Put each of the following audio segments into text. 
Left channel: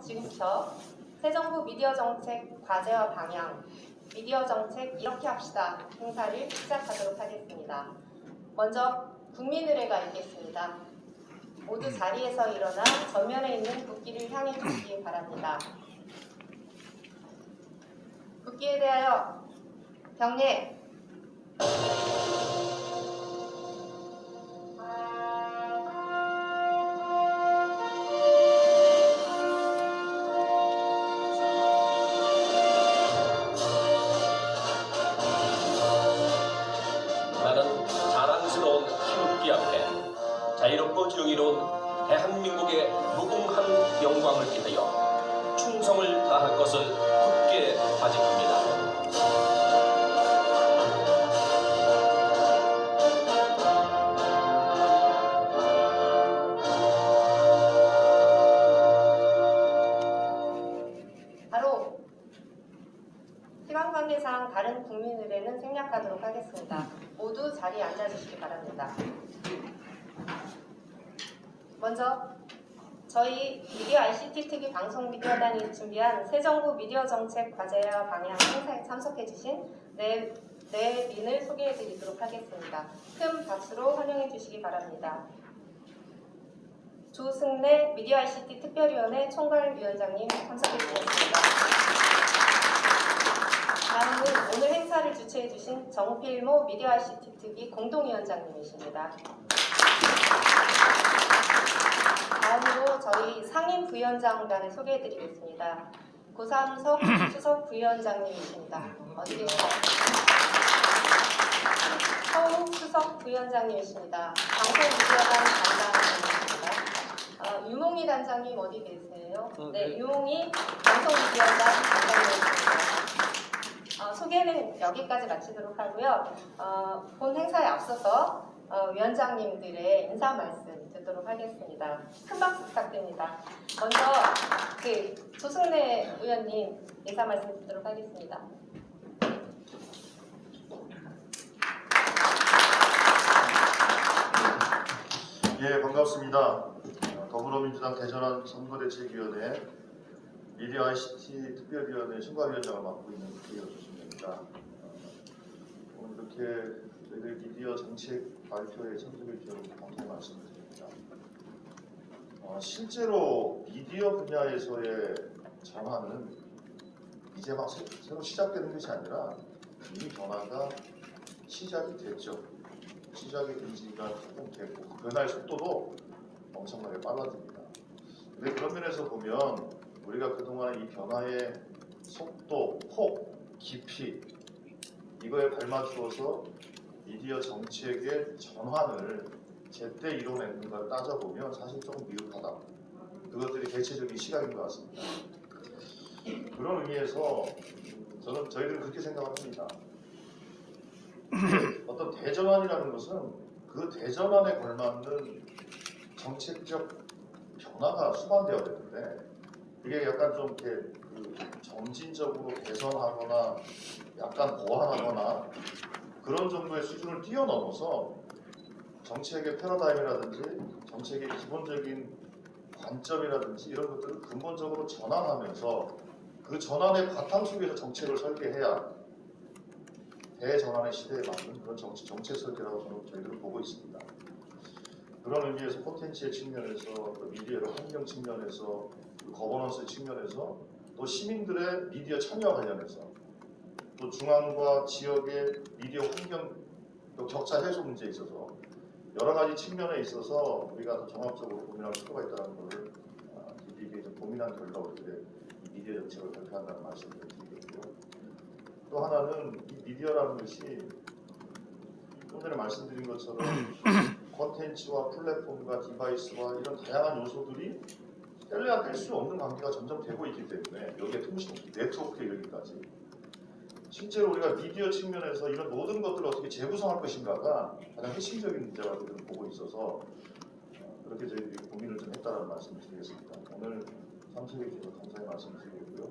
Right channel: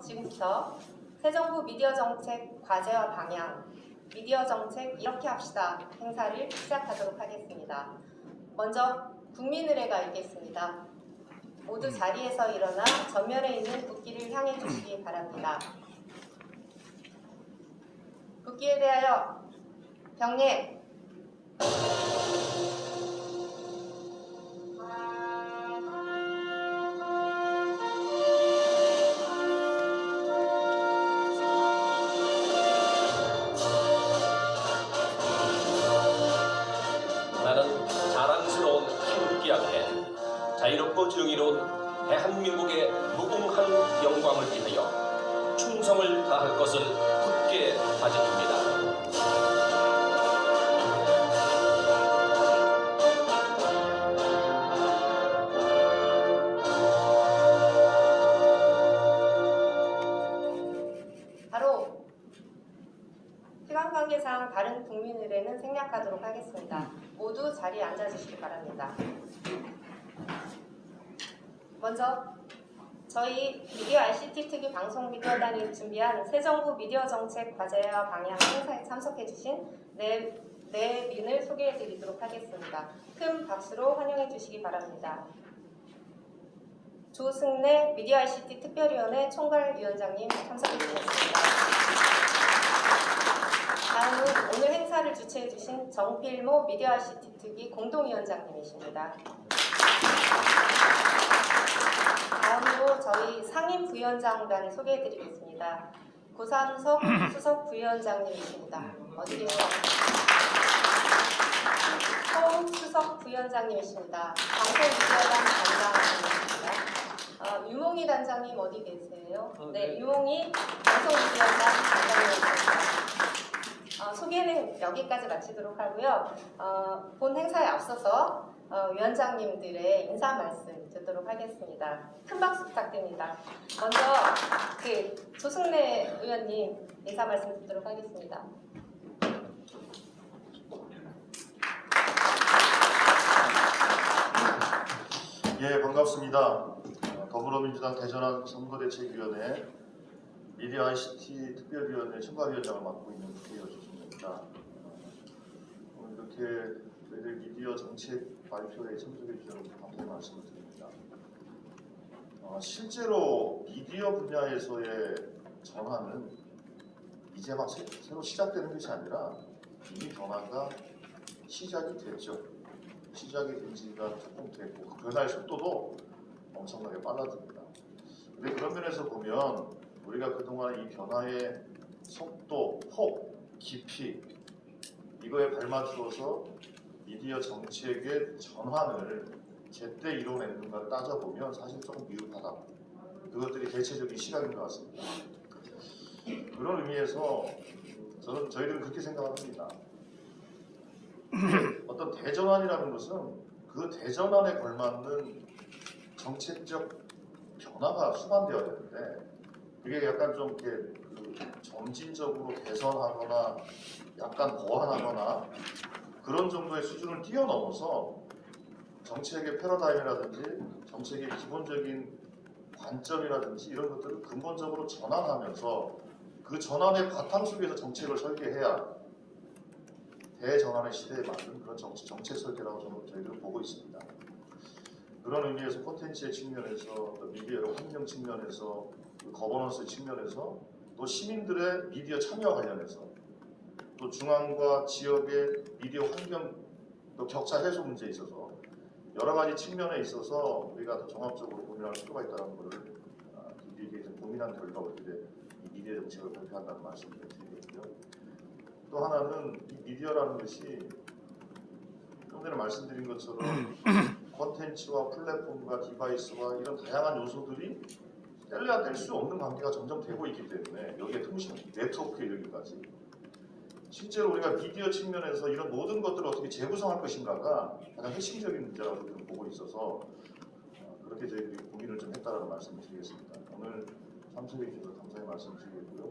지금부터 새 정부 미디어 정책 과제와 방향, 미디어 정책 이렇게 합시다 행사를 시작하도록 하겠습니다. 먼저 국민의례가 있겠습니다. 모두 자리에서 일어나 전면에 있는 국기를 향해 주시기 바랍니다. 국기에 대하여 경례. 나는 자랑스러운 희국기 앞에 자유롭고 정의로운 대한민국의 무궁한 영광을 위하여 충성을 다할 것을 굳게 다짐합니다. 바로 시간 관계상 다른 국민의례는 생략하도록 하겠습니다. 모두 자리에 앉아주시기 바랍니다. 먼저 저희 미디어 ICT 특위 방송 미디어단이 준비한 새 정부 미디어 정책 과제와 방향 행사에 참석해주신 네 린을 소개해드리도록 하겠습니다. 큰 박수로 환영해주시기 바랍니다. 조승래 미디어 ICT 특별위원회 총괄위원장님 참석해주셨습니다. 다음은 오늘 행사를 주최해주신 정필모 미디어 ICT 특위 공동위원장님이십니다. 다음으로 저희 상임 부위원장단을 소개해드리겠습니다. 고삼석 수석 부위원장님이십니다. 어디 계세요? 서욱 수석 부위원장님이십니다. 방송미디어단 단장님이십니다. 유몽희 단장님 어디 계세요? 네, 유몽희 방송미디어단 단장님이십니다. 소개는 여기까지 마치도록 하고요. 본 행사에 앞서서 위원장님들의 인사 말씀 듣도록 하겠습니다. 큰 박수 부탁드립니다. 먼저 조승래 의원님 인사 말씀 듣도록 하겠습니다. 예, 반갑습니다. 더불어민주당 대전환 선거대책위원회 미디어 ICT 특별위원회 총괄위원장을 맡고 있는 국회의원 조승래입니다. 오늘 이렇게 저희들 미디어 정책 발표에 참석해 주셔서 감사의 말씀을 드립니다. 실제로 미디어 분야에서의 전환은 이제 막 새로 시작되는 것이 아니라 이미 변화가 시작이 됐죠. 시작이 된 지가 조금 됐고 그 변화의 속도도 엄청나게 빨라집니다. 근데 그런 면에서 보면 우리가 그동안 이 변화의 속도, 폭, 깊이 이거에 발맞추어서 미디어 정책의 전환을 제때 이뤄냈는가를 따져보면 사실 조금 미흡하다. 그것들이 대체적인 시각인 것 같습니다. 그런 의미에서 저희들은 그렇게 생각합니다. 어떤 대전환이라는 것은 그 대전환에 걸맞는 정책적 변화가 수반되어야 되는데 그게 약간 좀 이렇게 점진적으로 개선하거나 약간 보완하거나 그런 정도의 수준을 뛰어넘어서 정책의 패러다임이라든지 정책의 기본적인 관점이라든지 이런 것들을 근본적으로 전환하면서 그 전환의 바탕 속에서 정책을 설계해야 대전환의 시대에 맞는 그런 정책 설계라고 저희들은 보고 있습니다. 그런 의미에서 콘텐츠의 측면에서 미디어 환경 측면에서 거버넌스 측면에서 또 시민들의 미디어 참여 관련해서 또 중앙과 지역의 미디어 환경 격차 해소 문제에 있어서 여러 가지 측면에 있어서 우리가 더 종합적으로 고민할 필요가 있다는 것을 깊이 있게 고민한 결과 우리들의 미디어 정책을 발표한다는 말씀을 드리겠고요. 또 하나는 이 미디어라는 것이 좀 전에 말씀드린 것처럼 콘텐츠와 플랫폼과 디바이스와 이런 다양한 요소들이 뗄래야 뗄 수 없는 관계가 점점 되고 있기 때문에 여기에 통신, 네트워크에 이르기까지 실제로 우리가 미디어 측면에서 이런 모든 것들을 어떻게 재구성할 것인가가 가장 핵심적인 문제라고 저는 보고 있어서 그렇게 저희들이 고민을 좀 했다는 말씀을 드리겠습니다. 오늘 참석해 주셔서 감사의 말씀을 드리고요.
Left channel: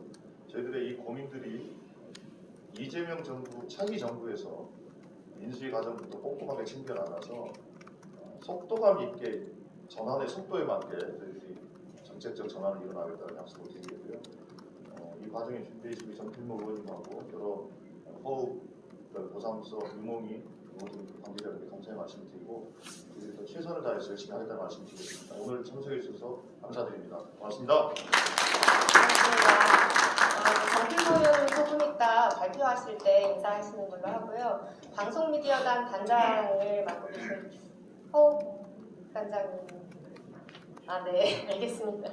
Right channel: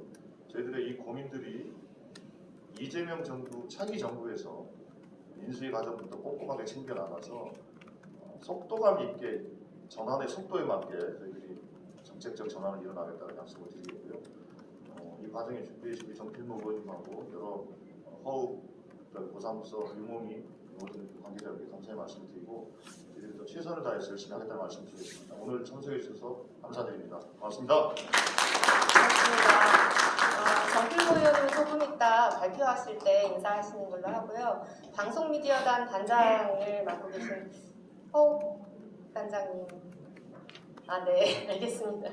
저희들의 이 고민들이 이재명 정부, 차기 정부에서 민주주의 과정부터 꼼꼼하게 챙겨 나가서 속도감 있게 전환의 속도에 맞게 저희들이 정책적 전환을 이뤄나가겠다는 약속을 드리고요. 이 과정에 준비해주신 정필모 의원님하고 여러 허우 고사무소 유몽이 모든 관계자분께 감사의 말씀드리고 저희들이 더 최선을 다해서 열심히 하겠다는 말씀드리겠습니다. 오늘 참석해 주셔서 감사드립니다. 고맙습니다. 정필모 의원은 조금 이따 발표하실 때 인사하시는 걸로 하고요. 방송미디어단 단장을 맡고 계신 허우 단장님. 네, 알겠습니다.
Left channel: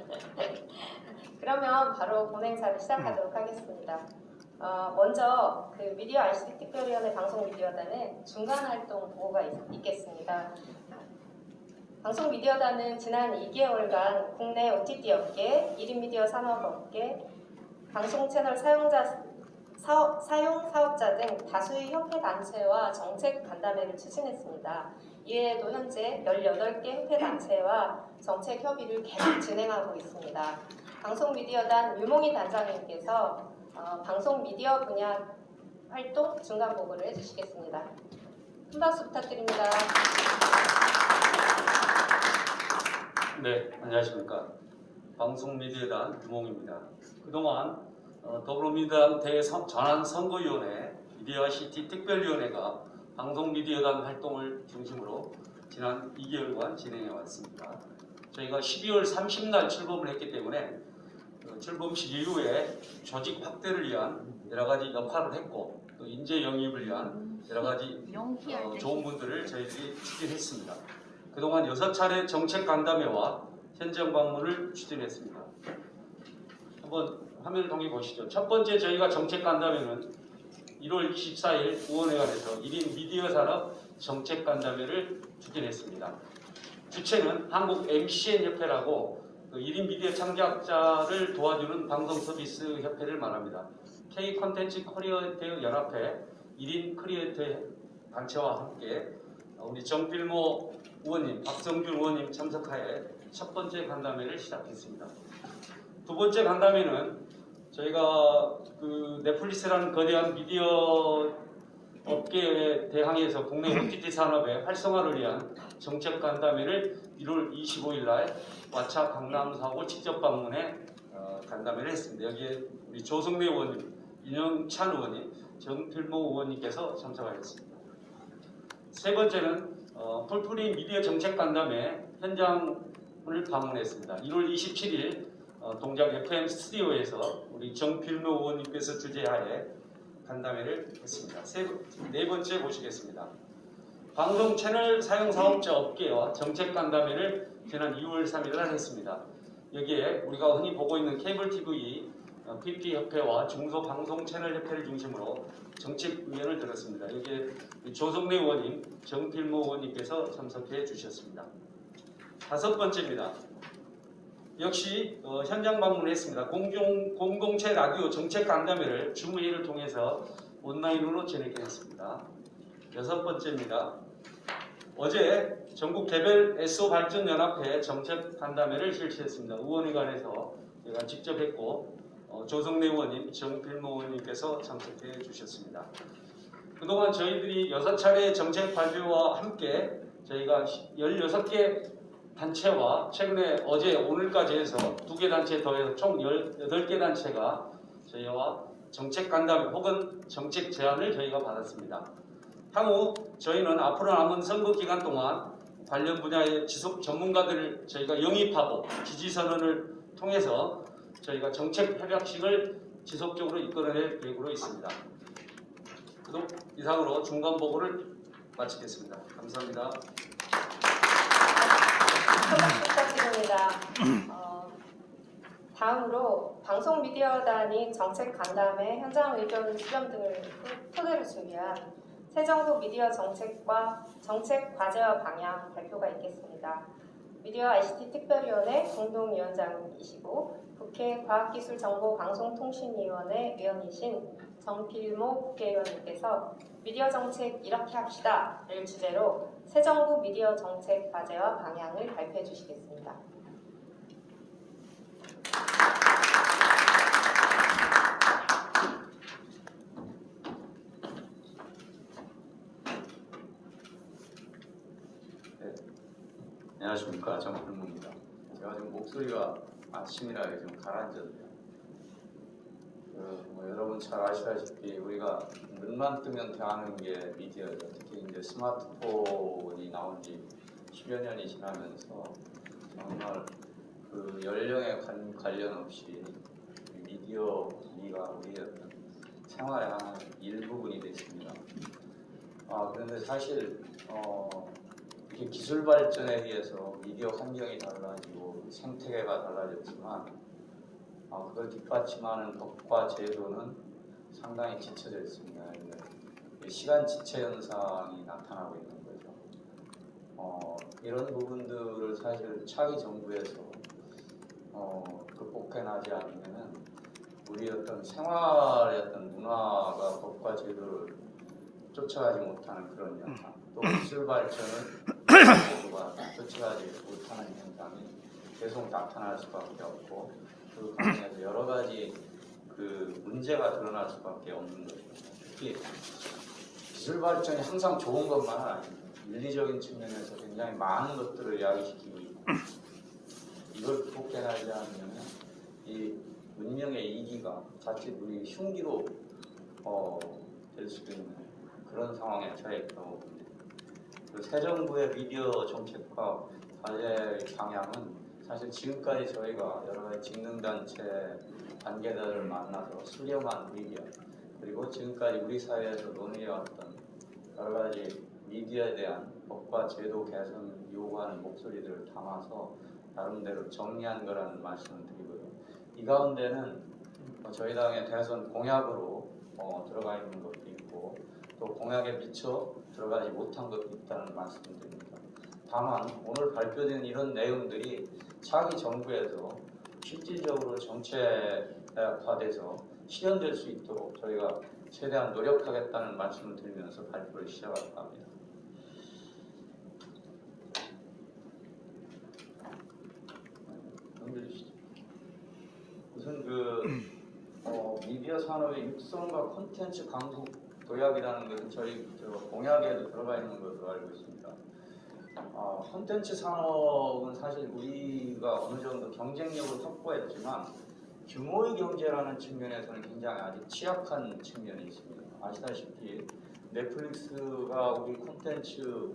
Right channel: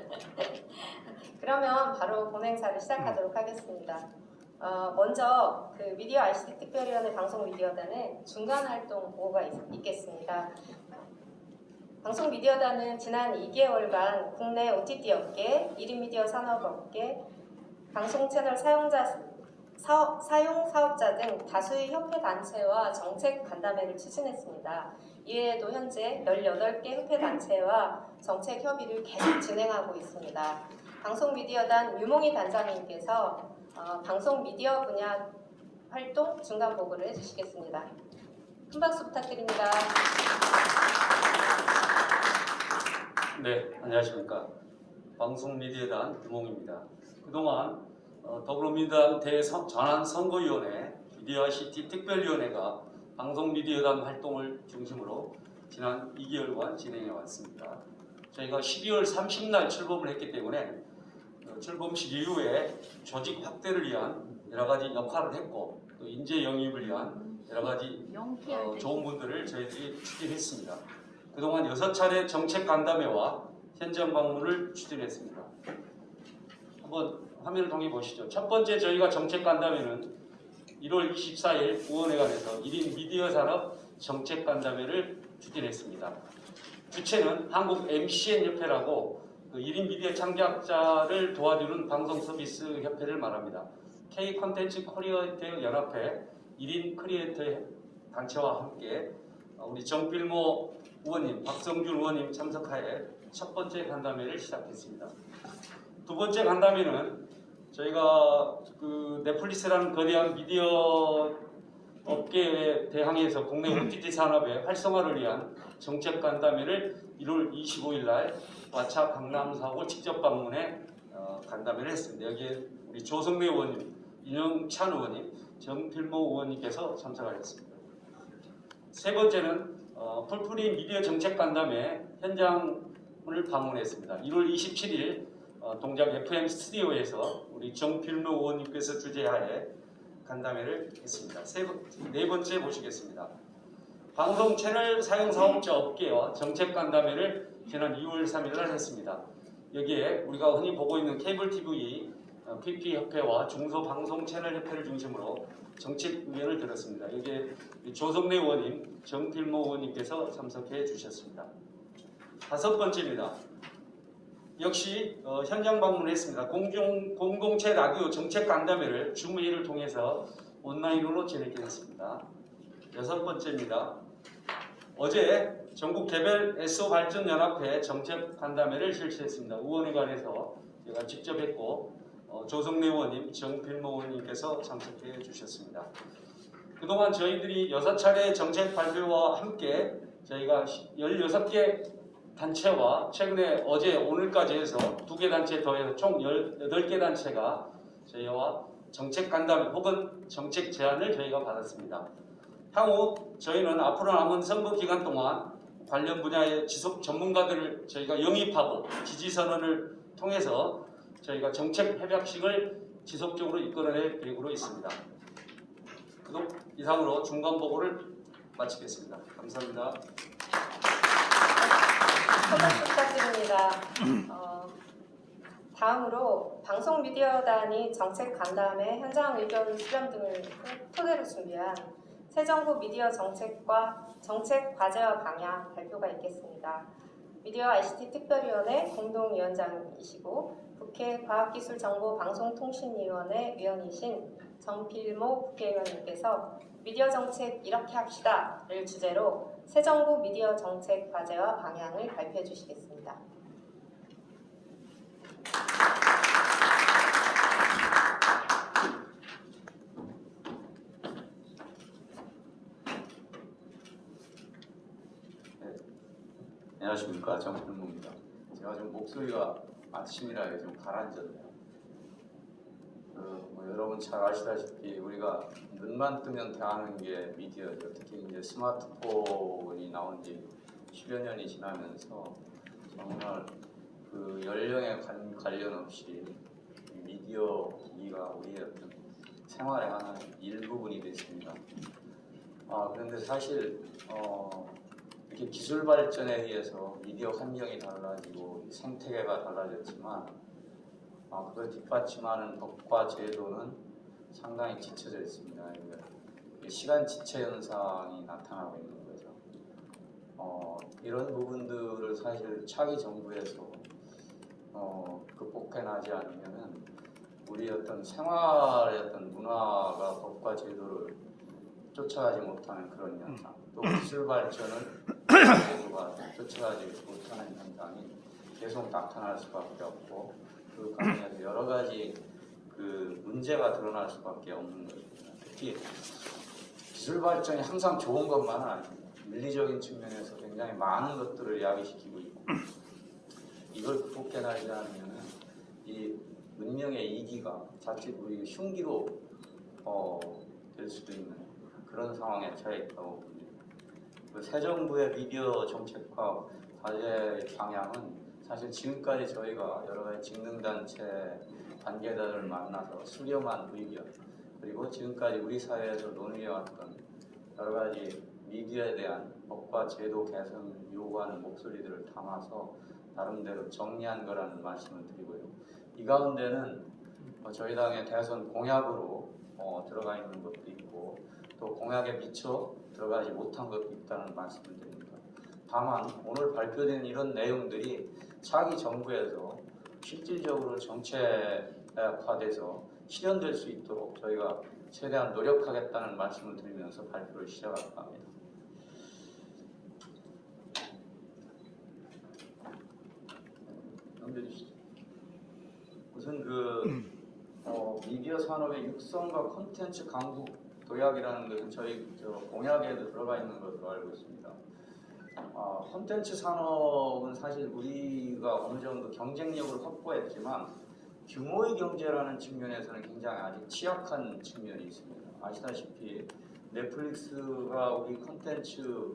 그러면 바로 본행사를 시작하도록 하겠습니다. 먼저 그 미디어 ICT 특별위원회 방송미디어단은 중간 활동 보고가 있겠습니다. 방송미디어단은 지난 2개월간 국내 OTT 업계, 1인 미디어 산업업계, 방송 채널 사용 사업자 등 다수의 협회 단체와 정책 간담회를 추진했습니다. 이외에도 현재 18개 협회 단체와 정책 협의를 계속 진행하고 있습니다. 방송미디어단 유몽희 단장님께서 방송미디어 분야 활동 중간 보고를 해주시겠습니다. 큰 박수 부탁드립니다. 네, 안녕하십니까. 방송미디어단 유몽입니다. 그동안 더불어민주당 대전환선거위원회 미디어 ICT 특별위원회가 방송미디어단 활동을 중심으로 지난 2개월간 진행해 왔습니다. 저희가 12월 30날 출범을 했기 때문에 출범식 이후에 조직 확대를 위한 여러 가지 역할을 했고 또 인재 영입을 위한 여러 가지 좋은 분들을 저희들이 추진했습니다. 그동안 6차례 정책 간담회와 현장 방문을 추진했습니다. 한번 화면을 통해 보시죠. 첫 번째 저희가 정책 간담회는 1월 24일 의원회관에서 1인 미디어 산업 정책 간담회를 추진했습니다. 주체는 한국 MCN 협회라고 그 1인 미디어 창작자를 도와주는 방송 서비스 협회를 말합니다. K 콘텐츠 크리에이터 연합회 1인 크리에이터 단체와 함께 우리 정필모 의원님, 박성준 의원님 참석하에 첫 번째 간담회를 시작했습니다. 두 번째 간담회는 저희가 그 넷플릭스라는 거대한 미디어 업계에 대항해서 국내 OTT 산업의 활성화를 위한 정책 간담회를 1월 25일 날 와차 강남 사고 직접 방문해 간담회를 했습니다. 여기에 우리 조성래 의원님, 윤영찬 의원님, 정필모 의원님께서 참석하셨습니다. 세 번째는 풀프리 미디어 정책 간담회 현장을 방문했습니다. 1월 27일 동작 FM 스튜디오에서 우리 정필모 의원님께서 주재하에 간담회를 했습니다. 네 번째 보시겠습니다. 방송 채널 사용 사업자 업계와 정책 간담회를 지난 2월 3일 날 했습니다. 여기에 우리가 흔히 보고 있는 케이블 TV, PP 협회와 중소 방송 채널 협회를 중심으로 정책 의견을 들었습니다. 여기에 조성래 의원님, 정필모 의원님께서 참석해 주셨습니다. 다섯 번째입니다. 역시 현장 방문했습니다. 공동체 라디오 정책 간담회를 줌회의를 통해서 온라인으로 진행했습니다. 여섯 번째입니다. 어제 전국 개별 SO 발전 연합회 정책 간담회를 실시했습니다. 의원회관에서 제가 직접 했고 조성래 의원님, 정필모 의원님께서 참석해 주셨습니다. 그동안 저희들이 6차례 정책 발표와 함께 저희가 16개 단체와 최근에 어제 오늘까지 해서 2개 단체 더해서 총 18개 단체가 저희와 정책 간담회 혹은 정책 제안을 저희가 받았습니다. 향후 저희는 앞으로 남은 선거 기간 동안 관련 분야의 지속 전문가들을 저희가 영입하고 지지선언을 통해서 저희가 정책 협약식을 지속적으로 이끌어낼 계획으로 있습니다. 이상으로 중간 보고를 마치겠습니다. 감사합니다. 부탁드립니다. 다음으로 방송미디어단이 정책 간담회, 현장 의견 수렴 등을 토대로 준비한 새 정부 미디어 정책과 정책 과제와 방향 발표가 있겠습니다. 미디어 ICT 특별위원회 공동위원장이시고 국회 과학기술정보방송통신위원회 위원이신 정필모 국회의원님께서 미디어 정책 이렇게 합시다를 주제로 새 정부 미디어 정책 과제와 방향을 발표해 주시겠습니다. 안녕하십니까, 정필모입니다. 제가 좀 목소리가 아침이라 요즘 가라앉았네요. 뭐 여러분 잘 아시다시피 우리가 눈만 뜨면 대하는 게 미디어죠. 특히 이제 스마트폰이 나온 지 10여 년이 지나면서 정말 그 연령에 관련 없이 이 미디어 기기가 우리의 어떤 생활의 하나 일부분이 됐습니다. 그런데 사실 이렇게 기술 발전에 의해서 미디어 환경이 달라지고 생태계가 달라졌지만 그걸 뒷받침하는 법과 제도는 상당히 지쳐져 있습니다. 시간 지체 현상이 나타나고 있는 거죠. 이런 부분들을 사실 차기 정부에서 극복해나지 않으면 우리 어떤 생활의 어떤 문화가 법과 제도를 쫓아가지 못하는 그런 현상, 또 기술 발전을 제도가 쫓아가지 못하는 현상이 계속 나타날 수밖에 없고 그 과정에서 여러 가지 그 문제가 드러날 수밖에 없는 것입니다. 특히 기술 발전이 항상 좋은 것만은 아닙니다. 윤리적인 측면에서 굉장히 많은 것들을 야기시키고 있고 이걸 극복해나지 않으면 이 문명의 이기가 자칫 우리 흉기로 될 수도 있는 그런 상황에 처해 있다고 봅니다. 새 정부의 미디어 정책과 과제 방향은 사실 지금까지 저희가 여러 가지 직능단체 단계들을 만나서 수렴한 의견 그리고 지금까지 우리 사회에서 논의해왔던 여러 가지 미디어에 대한 법과 제도 개선 요구하는 목소리들을 담아서 나름대로 정리한 거라는 말씀을 드리고요. 이 가운데는 저희 당의 대선 공약으로 들어가 있는 것도 있고 또 공약에 미처 들어가지 못한 것도 있다는 말씀을 드립니다. 다만 오늘 발표된 이런 내용들이 차기 정부에서 실질적으로 정책화돼서 실현될 수 있도록 저희가 최대한 노력하겠다는 말씀을 드리면서 발표를 시작할까 합니다. 넘겨주시죠. 우선 미디어 산업의 육성과 콘텐츠 강국 도약이라는 것은 저희 공약에도 들어가 있는 것으로 알고 있습니다. 콘텐츠 산업은 사실 우리가 어느 정도 경쟁력을 확보했지만 규모의 경제라는 측면에서는 굉장히 아직 취약한 측면이 있습니다. 아시다시피 넷플릭스가 우리 콘텐츠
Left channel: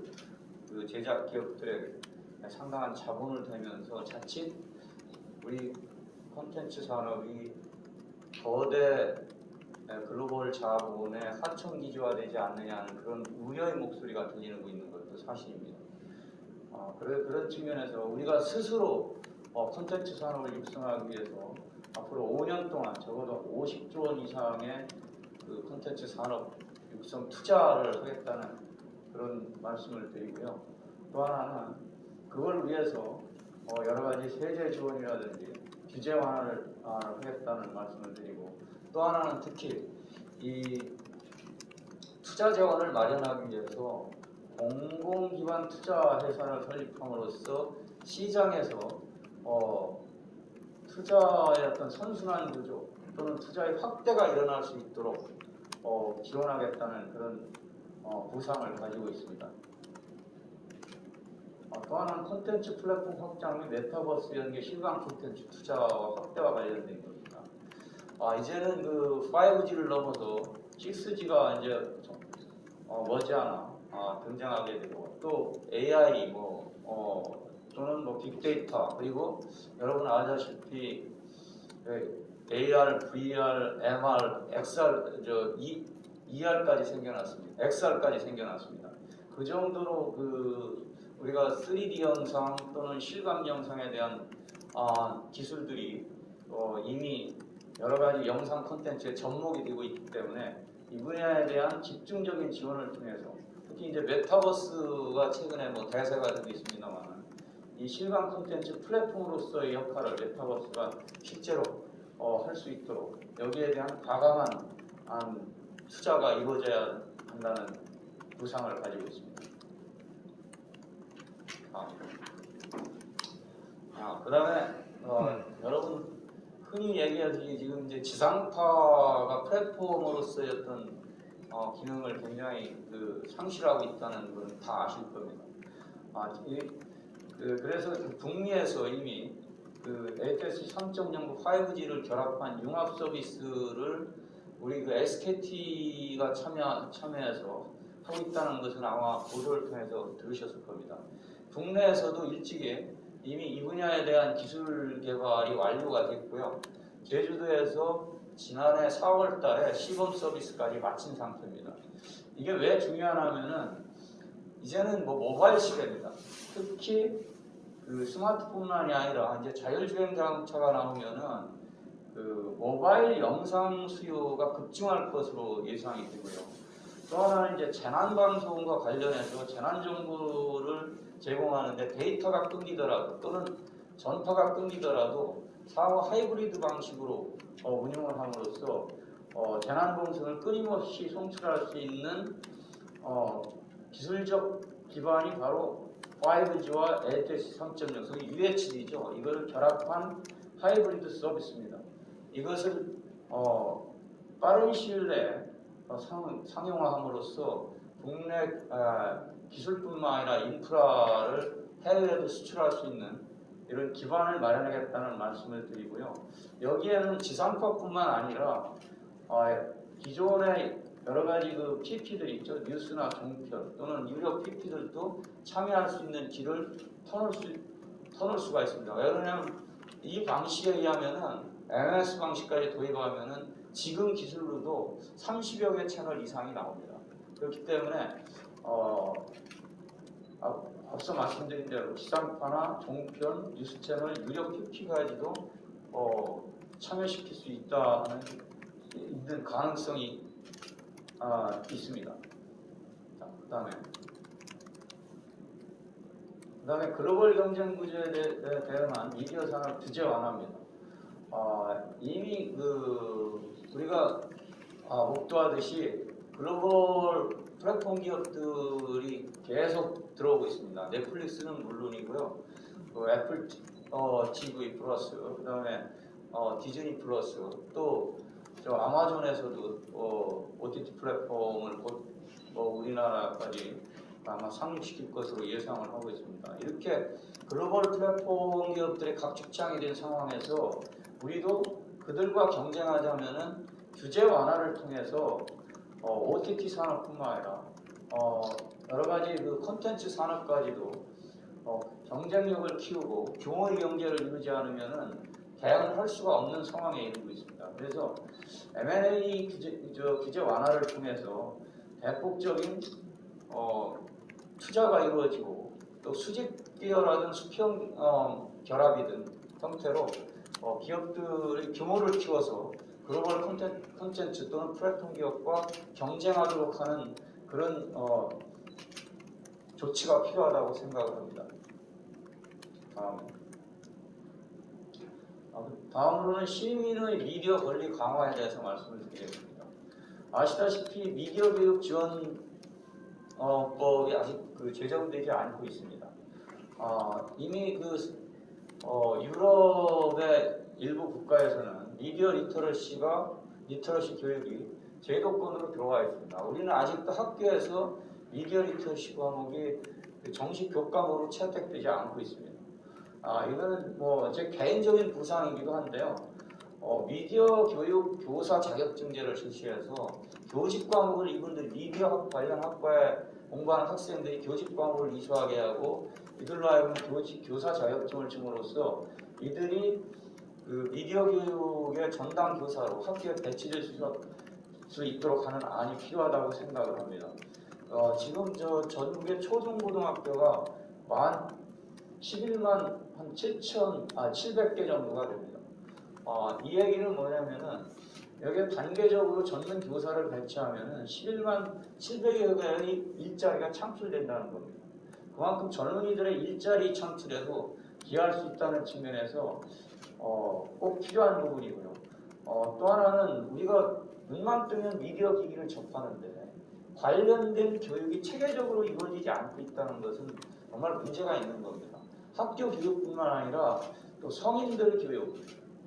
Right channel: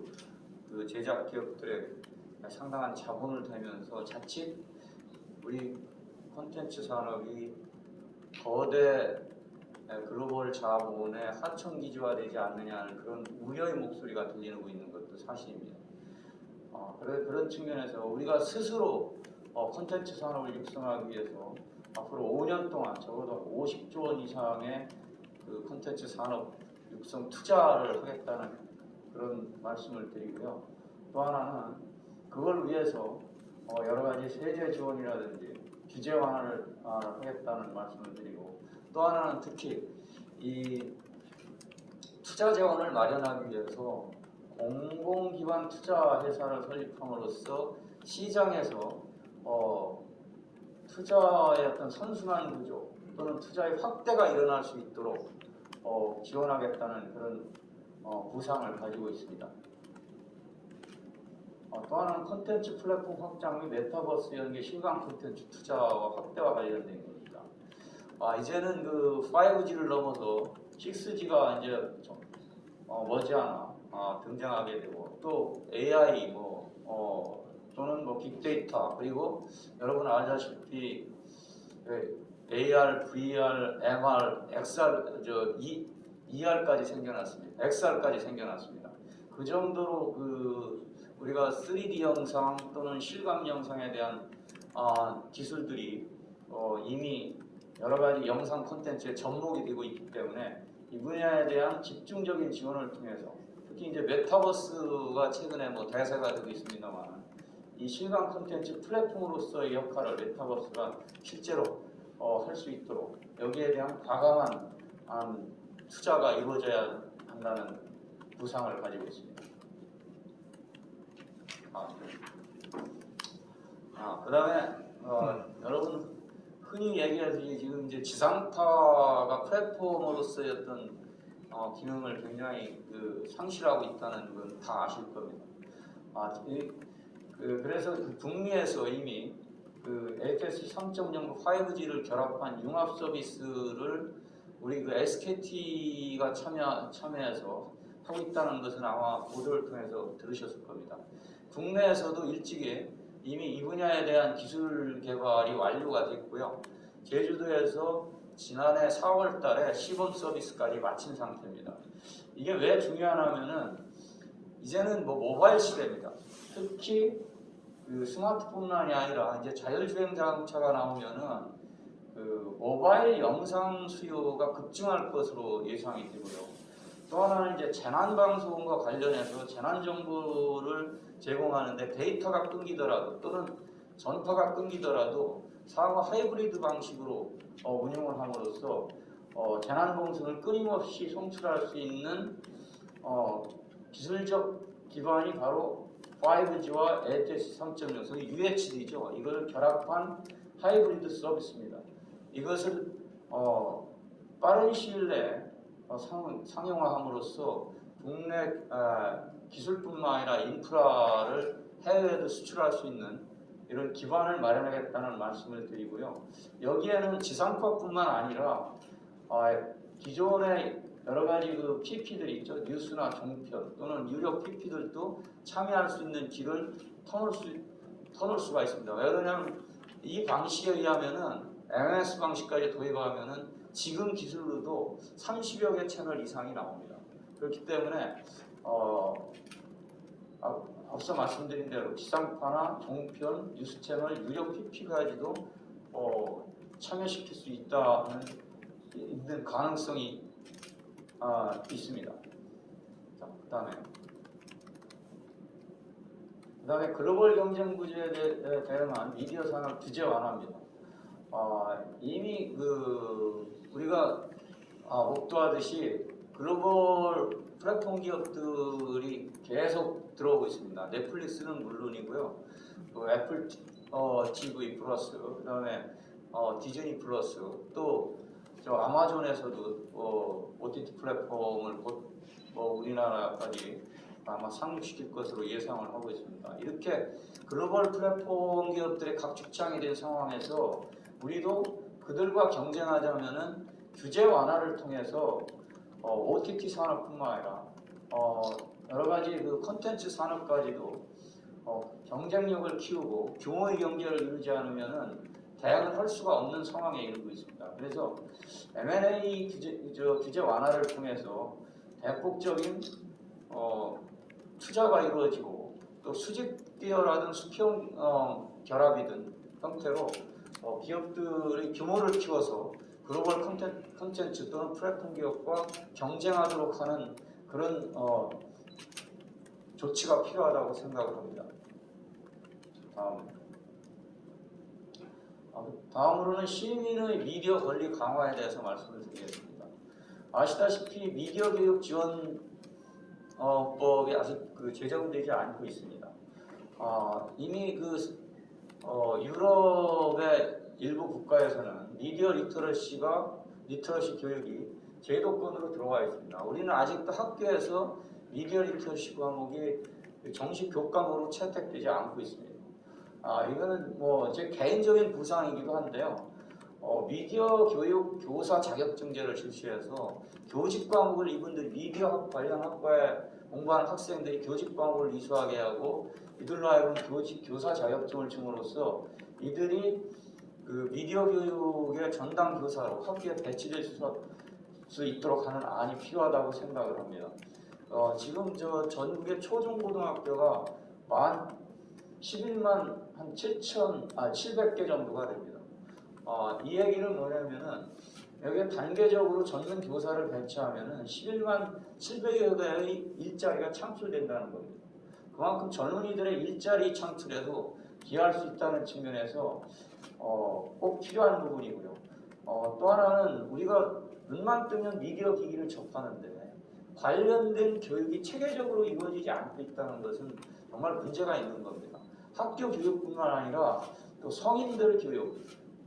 그 제작 기업들에 상당한 자본을 대면서 자칫 우리 콘텐츠 산업이 거대 글로벌 자본의 하청기지화되지 않느냐는 그런 우려의 목소리가 들리고 있는 것도 사실입니다. 그런 측면에서 우리가 스스로 콘텐츠 산업을 육성하기 위해서 앞으로 5년 동안 적어도 50조 원 이상의 그 콘텐츠 산업 육성 투자를 하겠다는 그런 말씀을 드리고요. 또 하나는 그걸 위해서 여러 가지 세제 지원이라든지 규제 완화를 하겠다는 말씀을 드리고 또 하나는 특히 이 투자 자원을 마련하기 위해서 공공기관 투자 회사를 설립함으로써 시장에서 투자의 어떤 선순환 구조 또는 투자의 확대가 일어날 수 있도록 지원하겠다는 그런 구상을 가지고 있습니다. 또 하나는 콘텐츠 플랫폼 확장 및 메타버스 연계 실감 콘텐츠 투자와 확대와 관련된 겁니다. 이제는 그 5G를 넘어서 6G가 이제 머지않아 등장하게 되고 또 AI 또는 빅데이터 그리고 여러분 아시다시피 AR, VR, MR, XR, ER까지 생겨났습니다. XR까지 생겨났습니다. 그 정도로 우리가 3D 영상 또는 실감 영상에 대한 기술들이 이미 여러 가지 영상 콘텐츠에 접목이 되고 있기 때문에 이 분야에 대한 집중적인 지원을 통해서 특히 이제 메타버스가 최근에 대세가 되고 있습니다만 이 실감 콘텐츠 플랫폼으로서의 역할을 메타버스가 실제로 할 수 있도록 여기에 대한 과감한 투자가 이루어져야 한다는 구상을 가지고 있습니다. 그 다음에 여러분 흔히 얘기하듯이 지금 이제 지상파가 플랫폼으로서의 어떤 기능을 굉장히 상실하고 있다는 건 다 아실 겁니다. 그래서 북미에서 이미 그 HSC 3.0 5G를 결합한 융합 서비스를 우리 그 SKT가 참여해서 하고 있다는 것은 아마 보도를 통해서 들으셨을 겁니다. 국내에서도 일찍이 이미 이 분야에 대한 기술 개발이 완료가 됐고요. 제주도에서 지난해 4월 달에 시범 서비스까지 마친 상태입니다. 이게 왜 중요하냐면은 이제는 뭐 모바일 시대입니다. 특히 그 스마트폰만이 아니라 이제 자율주행 자동차가 나오면은 그 모바일 영상 수요가 급증할 것으로 예상이 되고요. 또 하나는 이제 재난 방송과 관련해서 재난 정보를 제공하는데 데이터가 끊기더라도 또는 전파가 끊기더라도 상호 하이브리드 방식으로 운영을 함으로써 재난 방송을 끊임없이 송출할 수 있는 기술적 기반이 바로 5G와 HSC 3.0, 소위 UHD죠. 이걸 결합한 하이브리드 서비스입니다. 이것을 빠른 시일 내에 상용화함으로써 국내 기술뿐만 아니라 인프라를 해외에도 수출할 수 있는 이런 기반을 마련하겠다는 말씀을 드리고요. 여기에는 지상파뿐만 아니라 기존의 여러 가지 그 PP들이 있죠. 뉴스나 종편 또는 유료 PP들도 참여할 수 있는 길을 터놓을 수가 있습니다. 왜 그러냐면 이 방식에 의하면은 MMS 방식까지 도입하면은 지금 기술로도 30여 개 채널 이상이 나옵니다. 그렇기 때문에 앞서 말씀드린 대로 지상파나 종편, 뉴스 채널, 유료 PP까지도 참여시킬 수 있는 가능성이 있습니다. 자, 그다음에 글로벌 경쟁 구조에 대응한 미디어 산업 규제 완화입니다. 이미 우리가 목도하듯이 글로벌 플랫폼 기업들이 계속 들어오고 있습니다. 넷플릭스는 물론이고요. 애플 TV 플러스, 그다음에 디즈니 플러스, 또 저 아마존에서도 OTT 플랫폼을 곧 우리나라까지 아마 상륙시킬 것으로 예상을 하고 있습니다. 이렇게 글로벌 플랫폼 기업들의 각축장이 된 상황에서 우리도 그들과 경쟁하자면은 규제 완화를 통해서 OTT 산업뿐만 아니라 여러 가지 그 콘텐츠 산업까지도 경쟁력을 키우고 규모의 경제를 이루지 않으면은 대응을 할 수가 없는 상황에 이르고 있습니다. 그래서 M&A 규제 완화를 통해서 대폭적인 투자가 이루어지고 또 수직 기여라든 수평 결합이든 형태로 기업들의 규모를 키워서 글로벌 콘텐츠 또는 플랫폼 기업과 경쟁하도록 하는 그런 조치가 필요하다고 생각을 합니다. 다음으로는 시민의 미디어 권리 강화에 대해서 말씀을 드리겠습니다. 아시다시피 미디어 교육 지원법이 아직 제정되지 않고 있습니다. 이미 유럽의 일부 국가에서는 미디어 리터러시 교육이 제도권으로 들어와 있습니다. 우리는 아직도 학교에서 미디어 리터러시 과목이 정식 교과목으로 채택되지 않고 있습니다. 이거는 제 개인적인 부상이기도 한데요. 미디어 교육 교사 자격증제를 실시해서 교직 과목을 이분들이 미디어 관련 학과에 공부하는 학생들이 교직 과목을 이수하게 하고 이들로 하여금 교직 교사 자격증을 줌으로써 이들이 그 미디어 교육의 전담 교사로 학교에 배치될 수 있도록 하는 안이 필요하다고 생각을 합니다. 지금 전국의 초중고등학교가 11만 한 700개 정도가 됩니다. 이 얘기는 뭐냐면은 여기에 단계적으로 전문 교사를 배치하면은 11만 700여 개의 일자리가 창출된다는 겁니다. 그만큼 젊은이들의 일자리 창출에도 기여할 수 있다는 측면에서 꼭 필요한 부분이고요. 또 하나는 우리가 눈만 뜨면 미디어 기기를 접하는데 관련된 교육이 체계적으로 이루어지지 않고 있다는 것은 정말 문제가 있는 겁니다. 학교 교육뿐만 아니라 또 성인들 교육,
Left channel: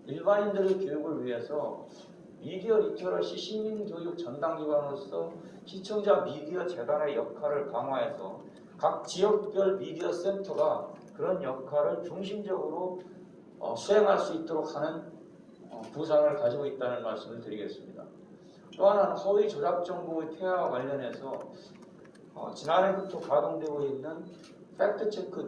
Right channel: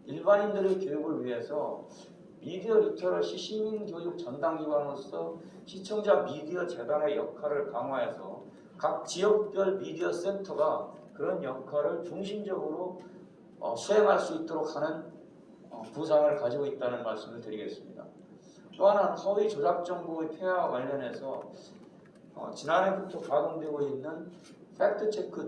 일반인들의 교육을 위해서 미디어 리터러시 시민교육 전담기관으로서 시청자 미디어 재단의 역할을 강화해서 각 지역별 미디어 센터가 그런 역할을 중심적으로 수행할 수 있도록 하는 구상을 가지고 있다는 말씀을 드리겠습니다. 또 하나는 허위 조작 정보의 폐하와 관련해서 지난해부터 가동되고 있는 팩트체크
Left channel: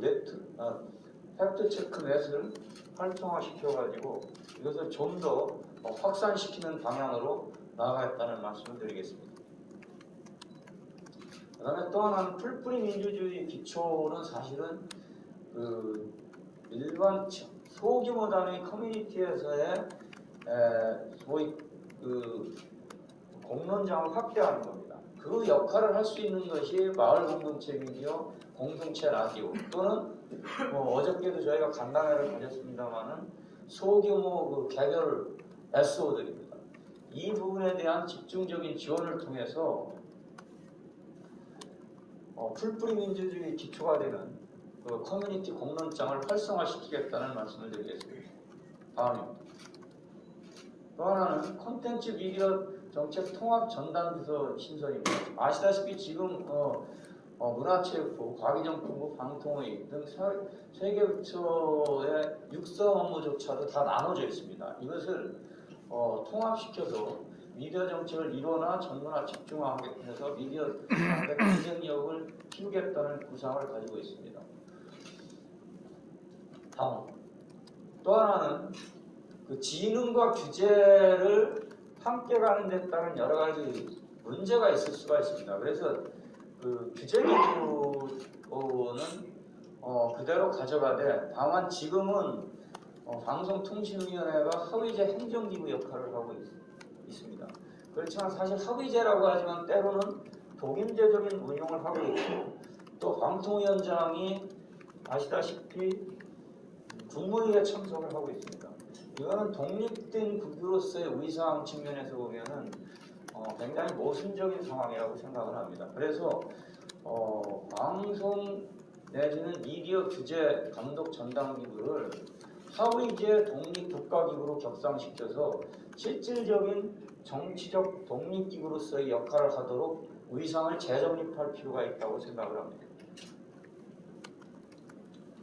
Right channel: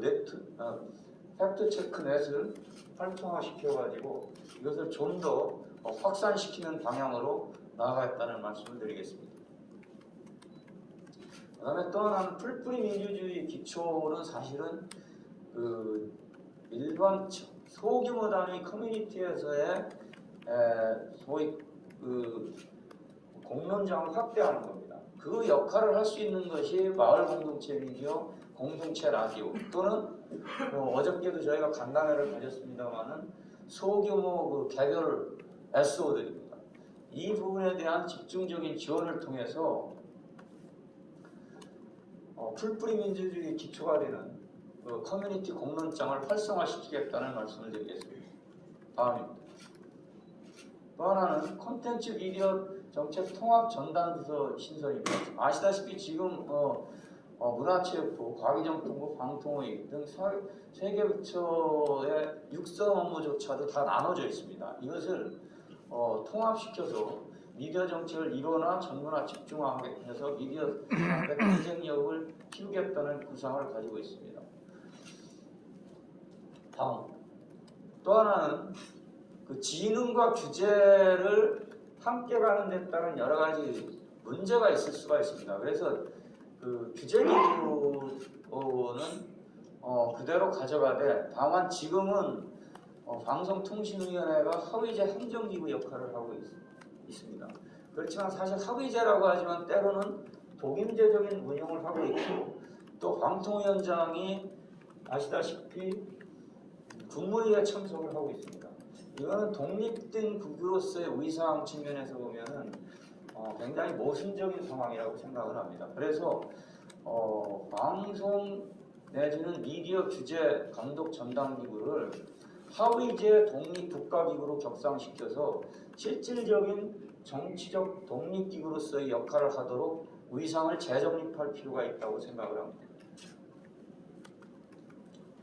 넷을 활성화시켜가지고 이것을 좀 더 확산시키는 방향으로 나아갔다는 말씀을 드리겠습니다. 그 다음에 또 하나는 풀뿌리 민주주의 기초는 사실은 그 일반 소규모 단위 커뮤니티에서의 소위 그 공론장을 확대하는 겁니다. 그 역할을 할 수 있는 것이 마을 공동체 미디어, 공동체 라디오 또는 어저께도 저희가 간담회를 가졌습니다만은 소규모 그 개별 SO들입니다. 이 부분에 대한 집중적인 지원을 통해서 풀뿌리 민주주의 기초가 되는 그 커뮤니티 공론장을 활성화시키겠다는 말씀을 드리겠습니다. 다음입니다. 또 하나는 콘텐츠 미디어 정책 통합 전담 부서 신설입니다. 아시다시피 지금 문화체육부, 과기정통부, 방통위 등 세 개 부처의 육성 업무조차도 다 나눠져 있습니다. 이것을 통합시켜서 미디어 정책을 일원화, 전문화, 집중화해서 미디어 앞에 경쟁력을 키우겠다는 구상을 가지고 있습니다. 다음, 또 하나는 그 지능과 규제를 함께 가는 데 따른 여러 가지 문제가 있을 수가 있습니다. 그래서 그 규제 기구는 그대로 가져가되 다만 지금은 방송통신위원회가 허위제 행정기구 역할을 하고 있습니다. 그렇지만 사실 허위제라고 하지만 때로는 독임제적인 운용을 하고 있고 또 방통위원장이 아시다시피 국무회의에 참석을 하고 있습니다. 이거는 독립된 국으로서의 위상 측면에서 보면은 굉장히 모순적인 상황이라고 생각을 합니다. 그래서 방송 내지는 미디어 규제 감독 전담기구를 하위제 독립 국가기구로 격상시켜서 실질적인 정치적 독립기구로서의 역할을 하도록 위상을 재정립할 필요가 있다고 생각을 합니다.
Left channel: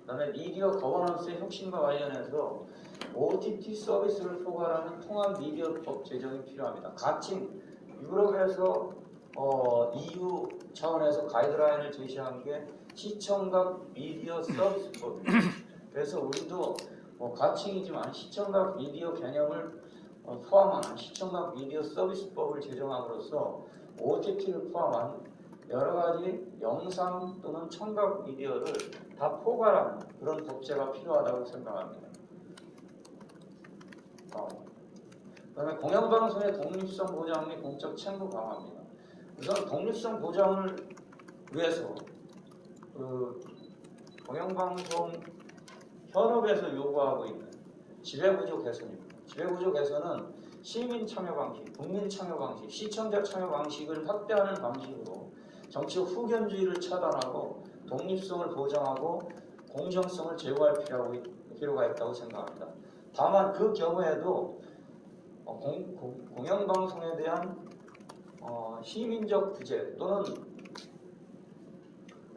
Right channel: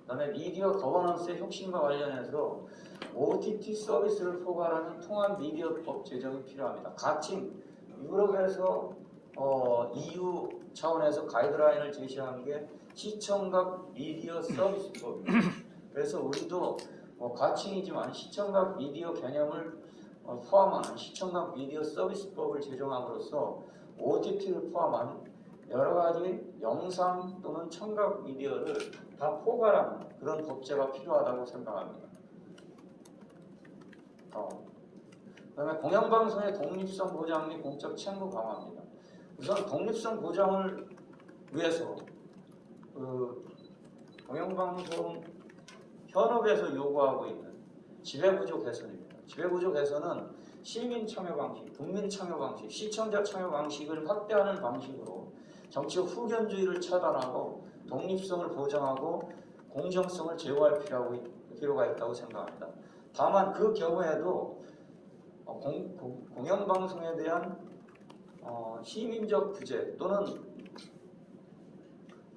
그 다음에 미디어 거버넌스의 혁신과 관련해서 OTT 서비스를 포괄하는 통합 미디어법 제정이 필요합니다. 가칭 유럽에서 EU 차원에서 가이드라인을 제시한 게 시청각 미디어 서비스법. 그래서 우리도 가칭이지만 시청각 미디어 개념을 포함하는 시청각 미디어 서비스법을 제정함으로써 OTT를 포함한 여러 가지 영상 또는 청각 미디어를 다 포괄하는 그런 법제가 필요하다고 생각합니다. 그다음에 공영방송의 독립성 보장 및 공적 책무 강화입니다. 우선 독립성 보장을 위해서 그 공영방송 현업에서 요구하고 있는 지배구조 개선입니다. 지배구조 개선은 시민 참여 방식, 국민 참여 방식, 시청자 참여 방식을 확대하는 방식으로 정치적 후견주의를 차단하고 독립성을 보장하고 공정성을 제고할 필요가 있다고 생각합니다. 다만 그 경우에도 공영방송에 대한 시민적 규제 또는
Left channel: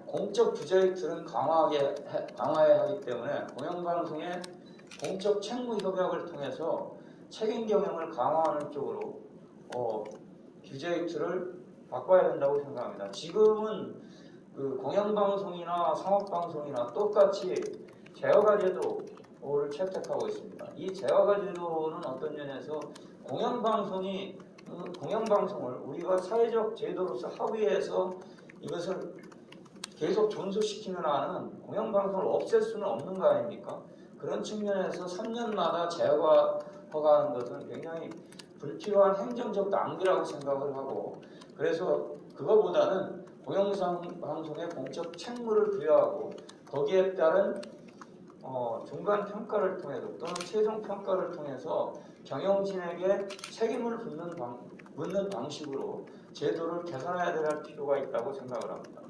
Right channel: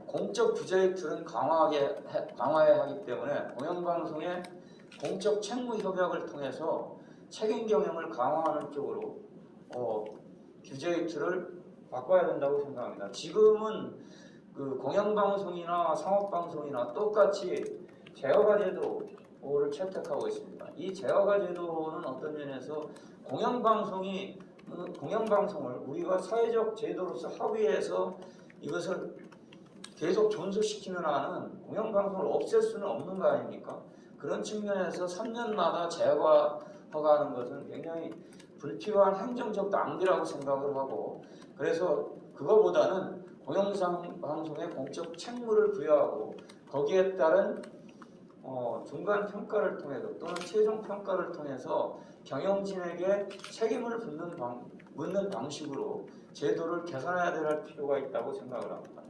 공적 규제의 틀은 강화해야 하기 때문에 공영방송의 공적 책무 협약을 통해서 책임 경영을 강화하는 쪽으로 규제의 틀을 바꿔야 된다고 생각합니다. 지금은 그 공영방송이나 상업방송이나 똑같이 제어가 제도를 채택하고 있습니다. 이 제어가 제도는 어떤 면에서 공영방송을 우리가 사회적 제도로서 합의해서 이것을 계속 존속시키는 한은 공영방송을 없앨 수는 없는 거 아닙니까? 그런 측면에서 3년마다 제어가 허가하는 것은 굉장히 불필요한 행정적 낭비라고 생각을 하고, 그래서 그거보다는 공영방송의 공적 책무를 부여하고 거기에 따른 중간 평가를 통해서 또는 최종 평가를 통해서 경영진에게 책임을 묻는 방식으로 제도를 개선해야 될 필요가 있다고 생각을 합니다.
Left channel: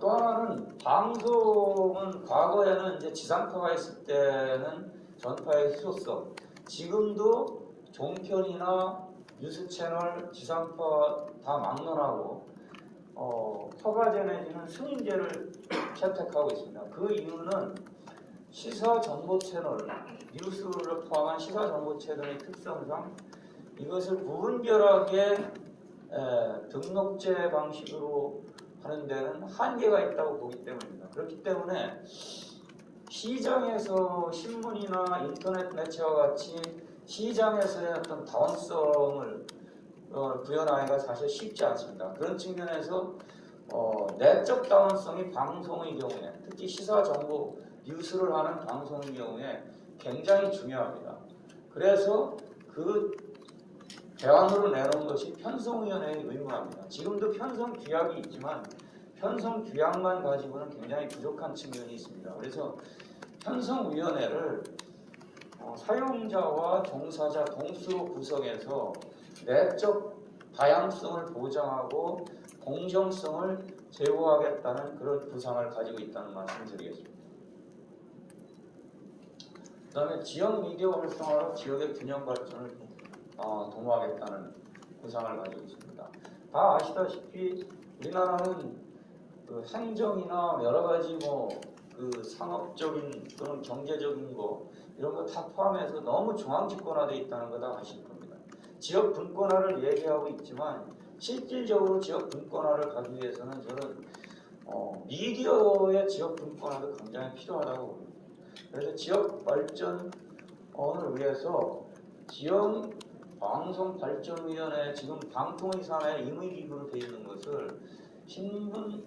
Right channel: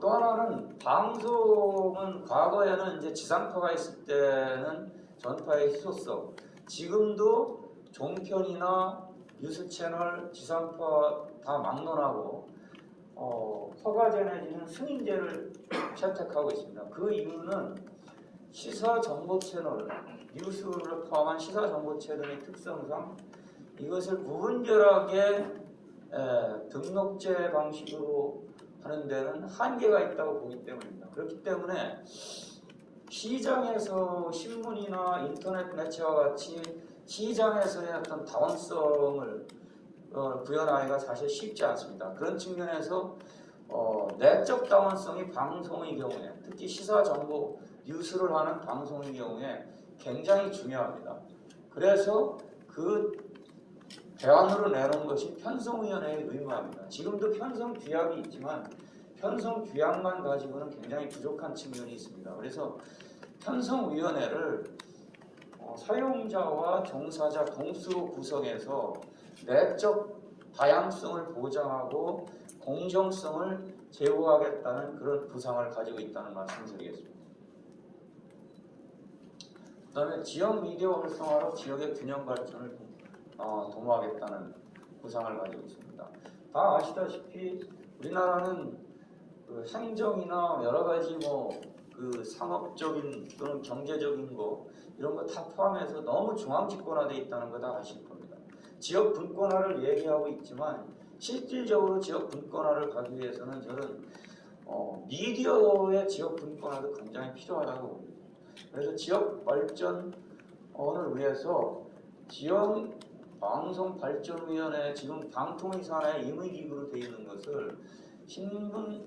또 하나는 방송은 과거에는 이제 지상파가 있을 때는 전파의 희소성, 지금도 종편이나 뉴스 채널, 지상파 다 막론하고 허가제 내지는 승인제를 채택하고 있습니다. 그 이유는 시사 정보 채널, 뉴스를 포함한 시사 정보 채널의 특성상 이것을 무분별하게 등록제 방식으로 하는 데는 한계가 있다고 보기 때문입니다. 그렇기 때문에 시장에서 신문이나 인터넷 매체와 같이 시장에서의 어떤 다원성을 구현하기가 사실 쉽지 않습니다. 그런 측면에서 내적 다원성이 방송의 경우에, 특히 시사 정보 뉴스를 하는 방송의 경우에 굉장히 중요합니다. 그래서 그 대안으로 내놓은 것이 편성위원회의 의무입니다. 지금도 편성 규약이 있지만 편성 규약만 가지고는 굉장히 부족한 측면이 있습니다. 그래서 편성위원회를 사용자와 종사자 동수로 구성해서 내적 다양성을 보장하고 공정성을 제고하겠다는 그런 구상을 가지고 있다는 말씀을 드리겠습니다. 그 다음에 지역 미디어 활성화로 지역의 균형 발전을 도모하겠다는 구상을 가지고 있습니다. 다 아시다시피 우리나라는 그 행정이나 여러 가지 그 상업적인 또는 경제적인 거 이런 거 다 포함해서 너무 중앙 집권화되어 있다는 거 다 아실 겁니다. 지역 분권화를 얘기하고 있지만 실질적으로 지역 분권화를 가기 위해서는 저는 미디어의 지역 분권화도 굉장히 필요하다고 봅니다. 그래서 지역 발전을 위해서 지역 방송발전위원회 지금 방통위 산하에 임의기구로 되어 있는 것을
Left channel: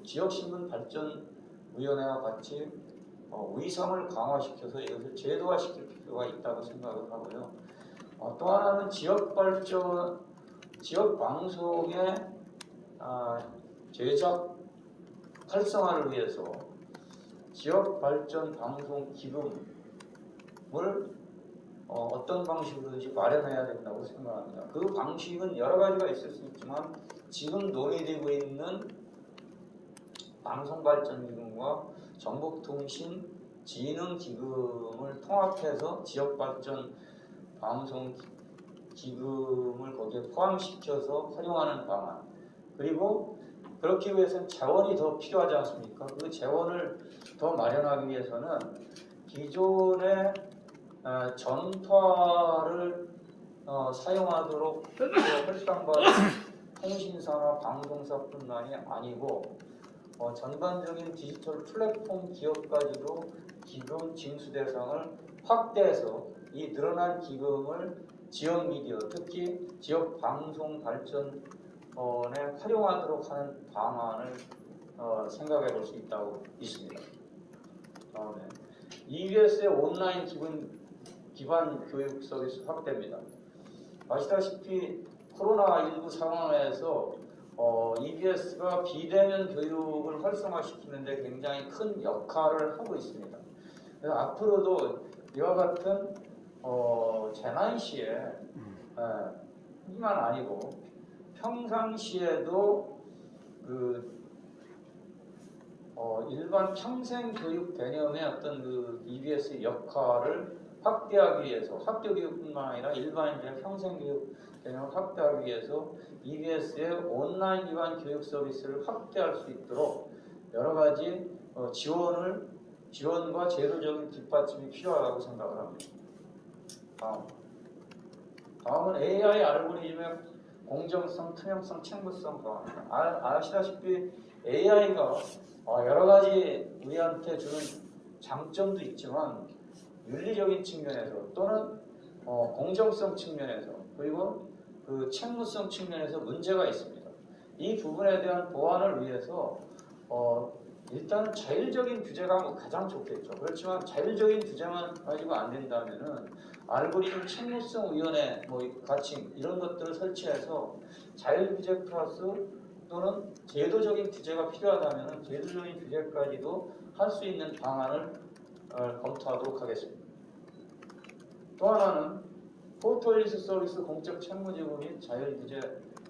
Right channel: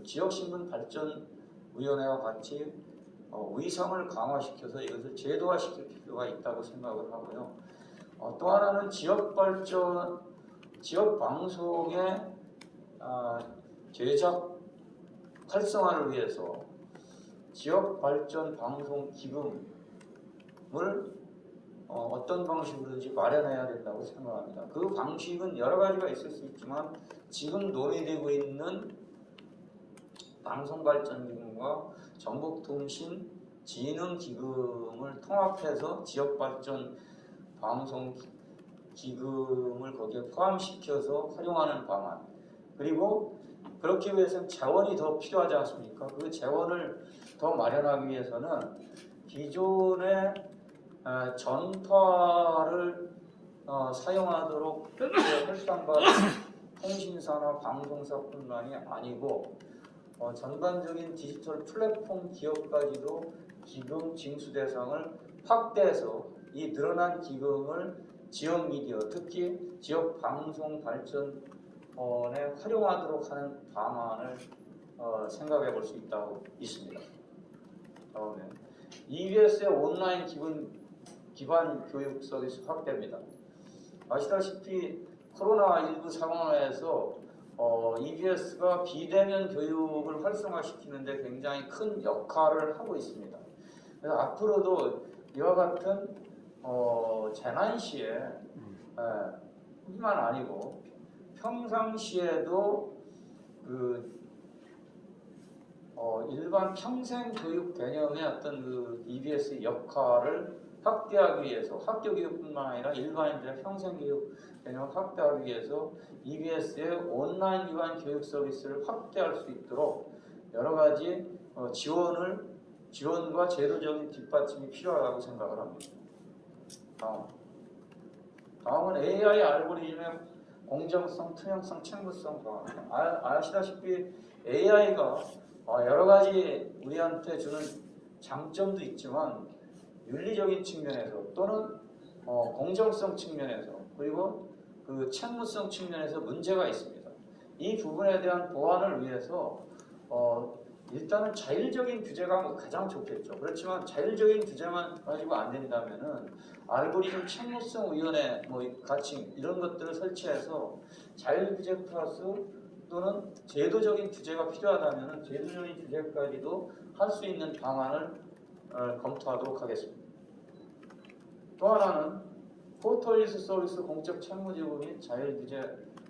지역신문발전위원회와 같이 위상을 강화시켜서 이것을 제도화시킬 필요가 있다고 생각을 하고요. 또 하나는 지역발전, 지역방송의 제작 활성화를 위해서 지역발전 방송 기금을 어떤 방식으로든지 마련해야 된다고 생각합니다. 그 방식은 여러 가지가 있을 수 있지만 지금 논의되고 있는 방송발전기금과 정보통신진흥기금을 통합해서 지역발전 방송기금을 거기에 포함시켜서 활용하는 방안, 그리고 그렇기 위해서는 재원이 더 필요하지 않습니까? 그 재원을 더 마련하기 위해서는 기존의 전파를 사용하도록 활성화된 통신사나 방송사뿐만이 아니고 전반적인 디지털 플랫폼 기업까지도 기금 징수 대상을 확대해서 이 늘어난 기금을 지역 미디어, 특히 지역 방송 발전에 활용하도록 하는 방안을 생각해 볼 수 있습니다. 다음에 EBS의 온라인 기반 교육 서비스 확대입니다. 아시다시피 코로나19 상황에서 EBS가 비대면 교육을 활성화시키는데 굉장히 큰 역할을 하고 있습니다. 그래서 앞으로도 이와 같은 재난 시에 뿐만 아니고 평상시에도 일반 평생 교육 개념의 어떤 그 EBS의 역할을 확대하기 위해서 학교 교육뿐만 아니라 일반인들의 평생 교육 개념을 확대하기 위해서 EBS의 온라인 기반 교육 서비스를 확대할 수 있도록 여러 가지 지원과 제도적인 뒷받침이 필요하다고 생각을 합니다. 다음은 AI 알고리즘의 공정성, 투명성, 책무성 방안입니다. 아시다시피 AI가 여러 가지 우리한테 주는 장점도 있지만 윤리적인 측면에서 또는 공정성 측면에서 그리고 그 책무성 측면에서 문제가 있습니다. 이 부분에 대한 보완을 위해서 일단은 자율적인 규제가 가장 좋겠죠. 그렇지만 자율적인 규제만 가지고 안 된다면은 알고리즘 책무성 위원회 같이 이런 것들을 설치해서 자율 규제 플러스 또는 제도적인 규제가 필요하다면은 제도적인 규제까지도 할 수 있는 방안을 검토하도록 하겠습니다. 또 하나는 포털뉴스 서비스 공적 책무지구 및 자율규제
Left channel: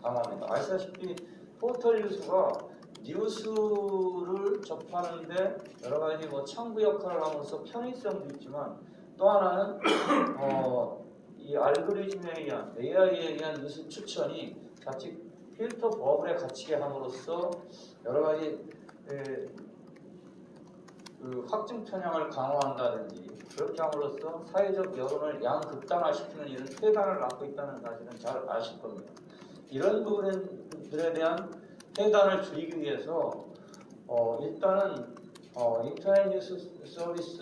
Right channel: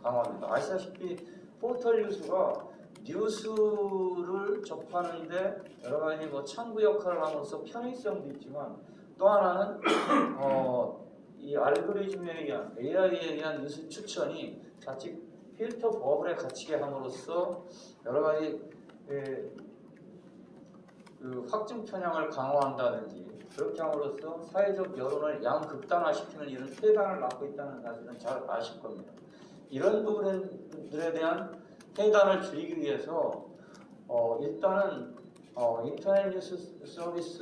강화입니다. 아시다시피 포털뉴스가 뉴스를 접하는데 여러 가지 창구 역할을 하면서 편의성도 있지만 또 하나는 이 알고리즘에 의한 AI에 의한 뉴스 추천이 자칫 필터 버블에 갇히게 함으로써 여러 가지 그 확증 편향을 강화한다든지 그렇게 함으로써 사회적 여론을 양극단화시키는 이런 폐단을 낳고 있다는 사실은 잘 아실 겁니다. 이런 부분들에 대한 폐단을 줄이기 위해서 일단은 인터넷 뉴스 서비스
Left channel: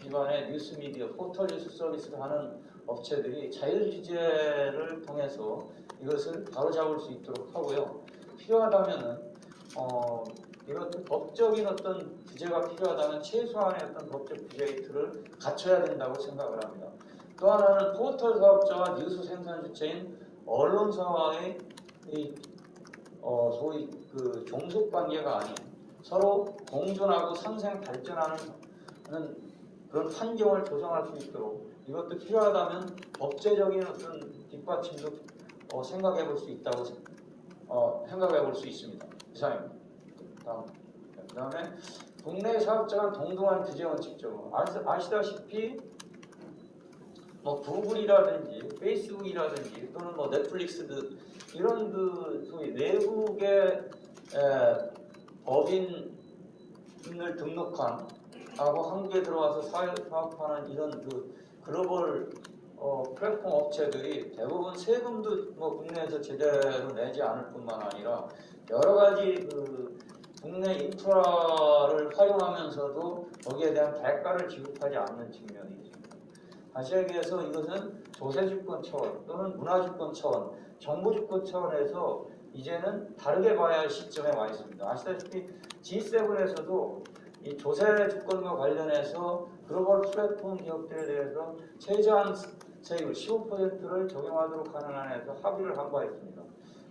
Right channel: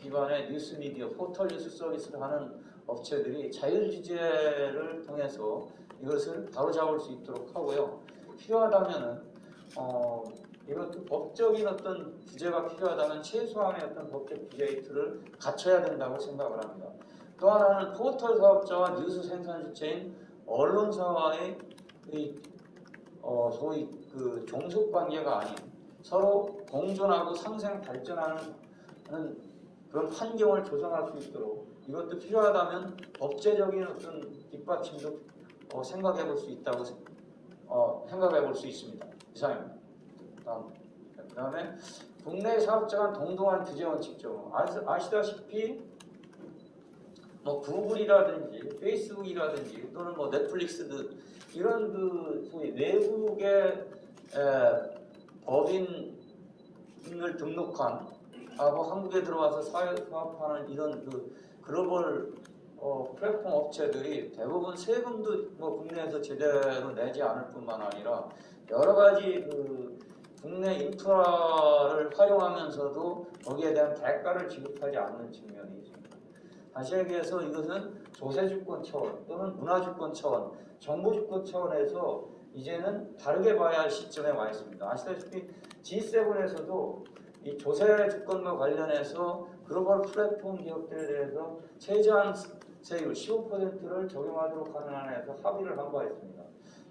기반의 뉴스 미디어, 포털 뉴스 서비스를 하는 업체들이 자율규제를 통해서 이것을 바로잡을 수 있도록 하고요. 필요하다면은 이런 법적인 어떤 규제가 필요하다면 최소한의 어떤 법적 규제의 틀을 갖춰야 된다고 생각을 합니다. 또 하나는 포털 사업자와 뉴스 생산 주체인 언론사와의 소위 그 종속 관계가 아닌 서로 공존하고 상생 발전하는 그런 환경을 조성할 수 있도록 이것도 필요하다면 법제적인 어떤 뒷받침도 생각해 볼 수 있다고 생각해 볼 수 있습니다. 이상입니다. 그 다음에 국내 사업자 간 동등한 규제 원칙적으로 아시다시피 뭐 구글이라든지 페이스북이라든지 또는 뭐 넷플릭스 이런 그 소위 외국의 법인을 등록한 하고 한국에 들어와서 사업하는 이런 그 글로벌 플랫폼 업체들이 대부분 세금도 뭐 국내에서 제대로 내지 않을 뿐만 아니라 여러 가지 그 국내 인프라를 활용하면서도 거기에 대한 대가를 지급하지 않는 측면이 있습니다. 다시 얘기해서 이것은 조세주권 차원 또는 문화주권 차원, 정부주권 차원에서 이제는 다르게 봐야 할 시점에 와 있습니다. 아시다시피 G7에서도 이 조세주권과 관련해서 글로벌 플랫폼 기업들에 대해서 최저한 세율 15%를 적용하도록 하는 안에서 합의를 한 바 있습니다.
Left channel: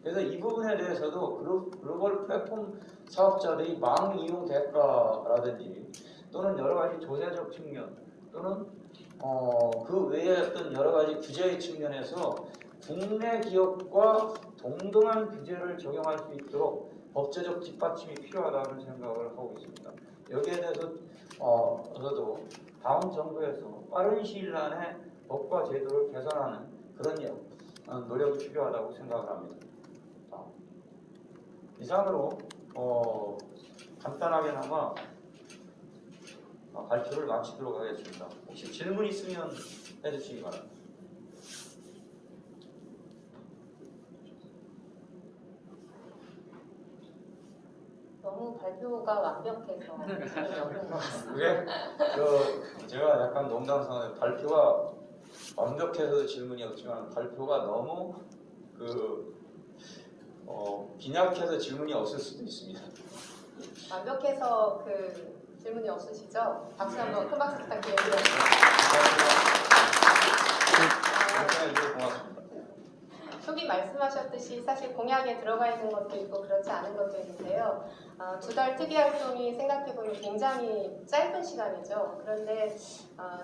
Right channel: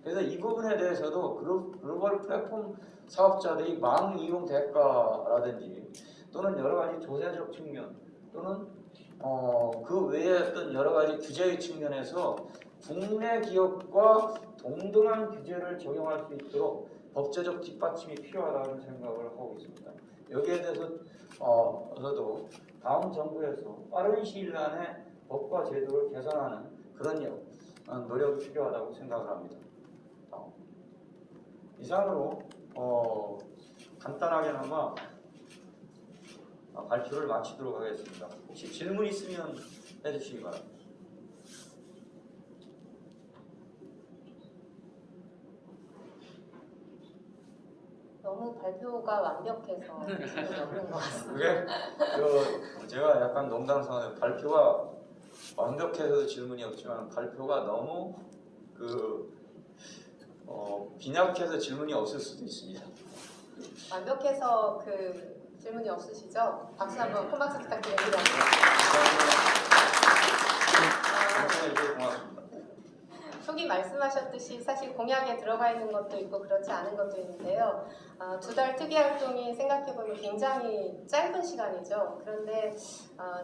그래서 이 부분에 대해서도 글로벌 플랫폼 사업자들이 망 이용 대가라든지 또는 여러 가지 조세적 측면 또는 그 외에 어떤 여러 가지 규제의 측면에서 국내 기업과 동등한 규제를 적용할 수 있도록 법제적 뒷받침이 필요하다는 생각을 하고 있습니다. 여기에 대해서 저도 다음 정부에서 빠른 시일 안에 법과 제도를 개선하는 그런 노력이 필요하다고 생각을 합니다. 이상으로 간단하게나마 발표를 마치도록 하겠습니다. 혹시 질문 있으면 해주시기 바랍니다. 너무 발표가 완벽해서 질문이 없는 것 같습니다. 그게 제가 약간 농담삼아 발표가 완벽해서 질문이 없지만 발표가 너무 빈약해서 질문이 없을 수도 있습니다. 완벽해서 그 질문이 없으시죠? 박수 한번 큰 박수 부탁드립니다. 네, 고맙습니다. 초기 말씀하셨듯이 사실 공약에 들어가 있는 것도 있고 그렇지 않은 것도 있는데요. 2달 특이 활동이 생각해보면 굉장히 짧은 시간이죠. 그런데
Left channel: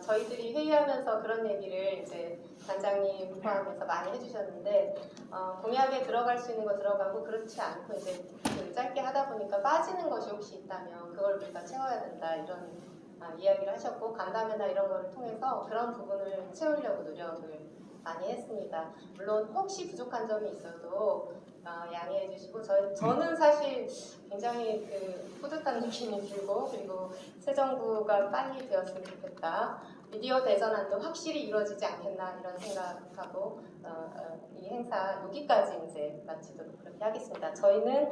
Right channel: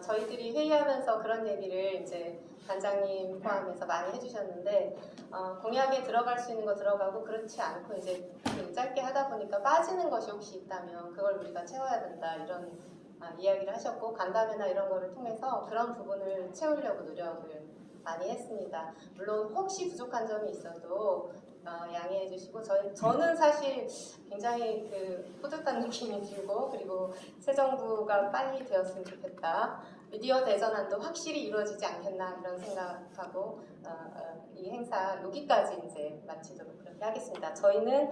저희들이 회의하면서 그런 얘기를 이제 단장님 포함해서 많이 해주셨는데 공약에 들어갈 수 있는 거 들어가고 그렇지 않고 이제 그 짧게 하다 보니까 빠지는 것이 혹시 있다면 그걸 우리가 채워야 된다 이런 이야기를 하셨고 간담회나 이런 거를 통해서 그런 부분을 채우려고 노력을 많이 했습니다. 물론 혹시 부족한 점이 있어도 양해해 주시고 저는 사실 굉장히 그 뿌듯한 느낌이 들고 그리고 새 정부가 빨리 되었으면 좋겠다. 미디어 대전환도 확실히 이루어지지 않겠나 이런 생각하고 이 행사 여기까지 이제 마치도록 그렇게 하겠습니다. 저희는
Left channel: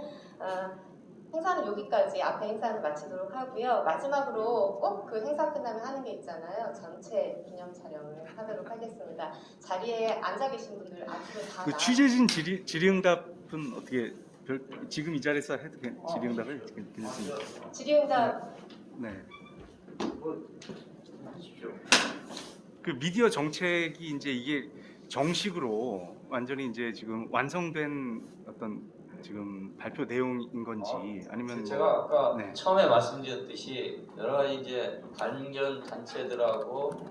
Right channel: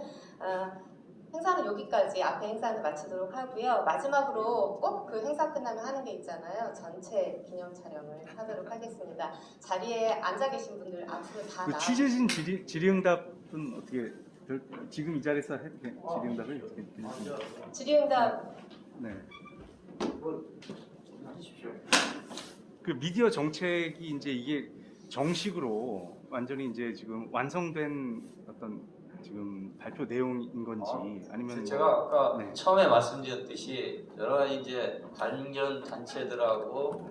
행사는 여기까지 앞에 행사는 마치도록 하고요. 마지막으로 꼭 그 행사 끝나면 하는 게 있잖아요. 전체 기념 촬영을 하도록 하겠습니다. 자리에 앉아 계신 분들 앞으로 다 그 취재진 질의응답은 어떻게 지금 이 자리에서 해도 질의응답을 괜찮습니까? 질의응답 네. 하십시오. 그 미디어 정책이 이제 이게 정식으로 완전히 이제 지금 완성된 어떤 지금 발표 내용인 건지 아니면 제가 아까 네. 처음에 말씀드렸듯이 여러 가지 이제 관련 단체들하고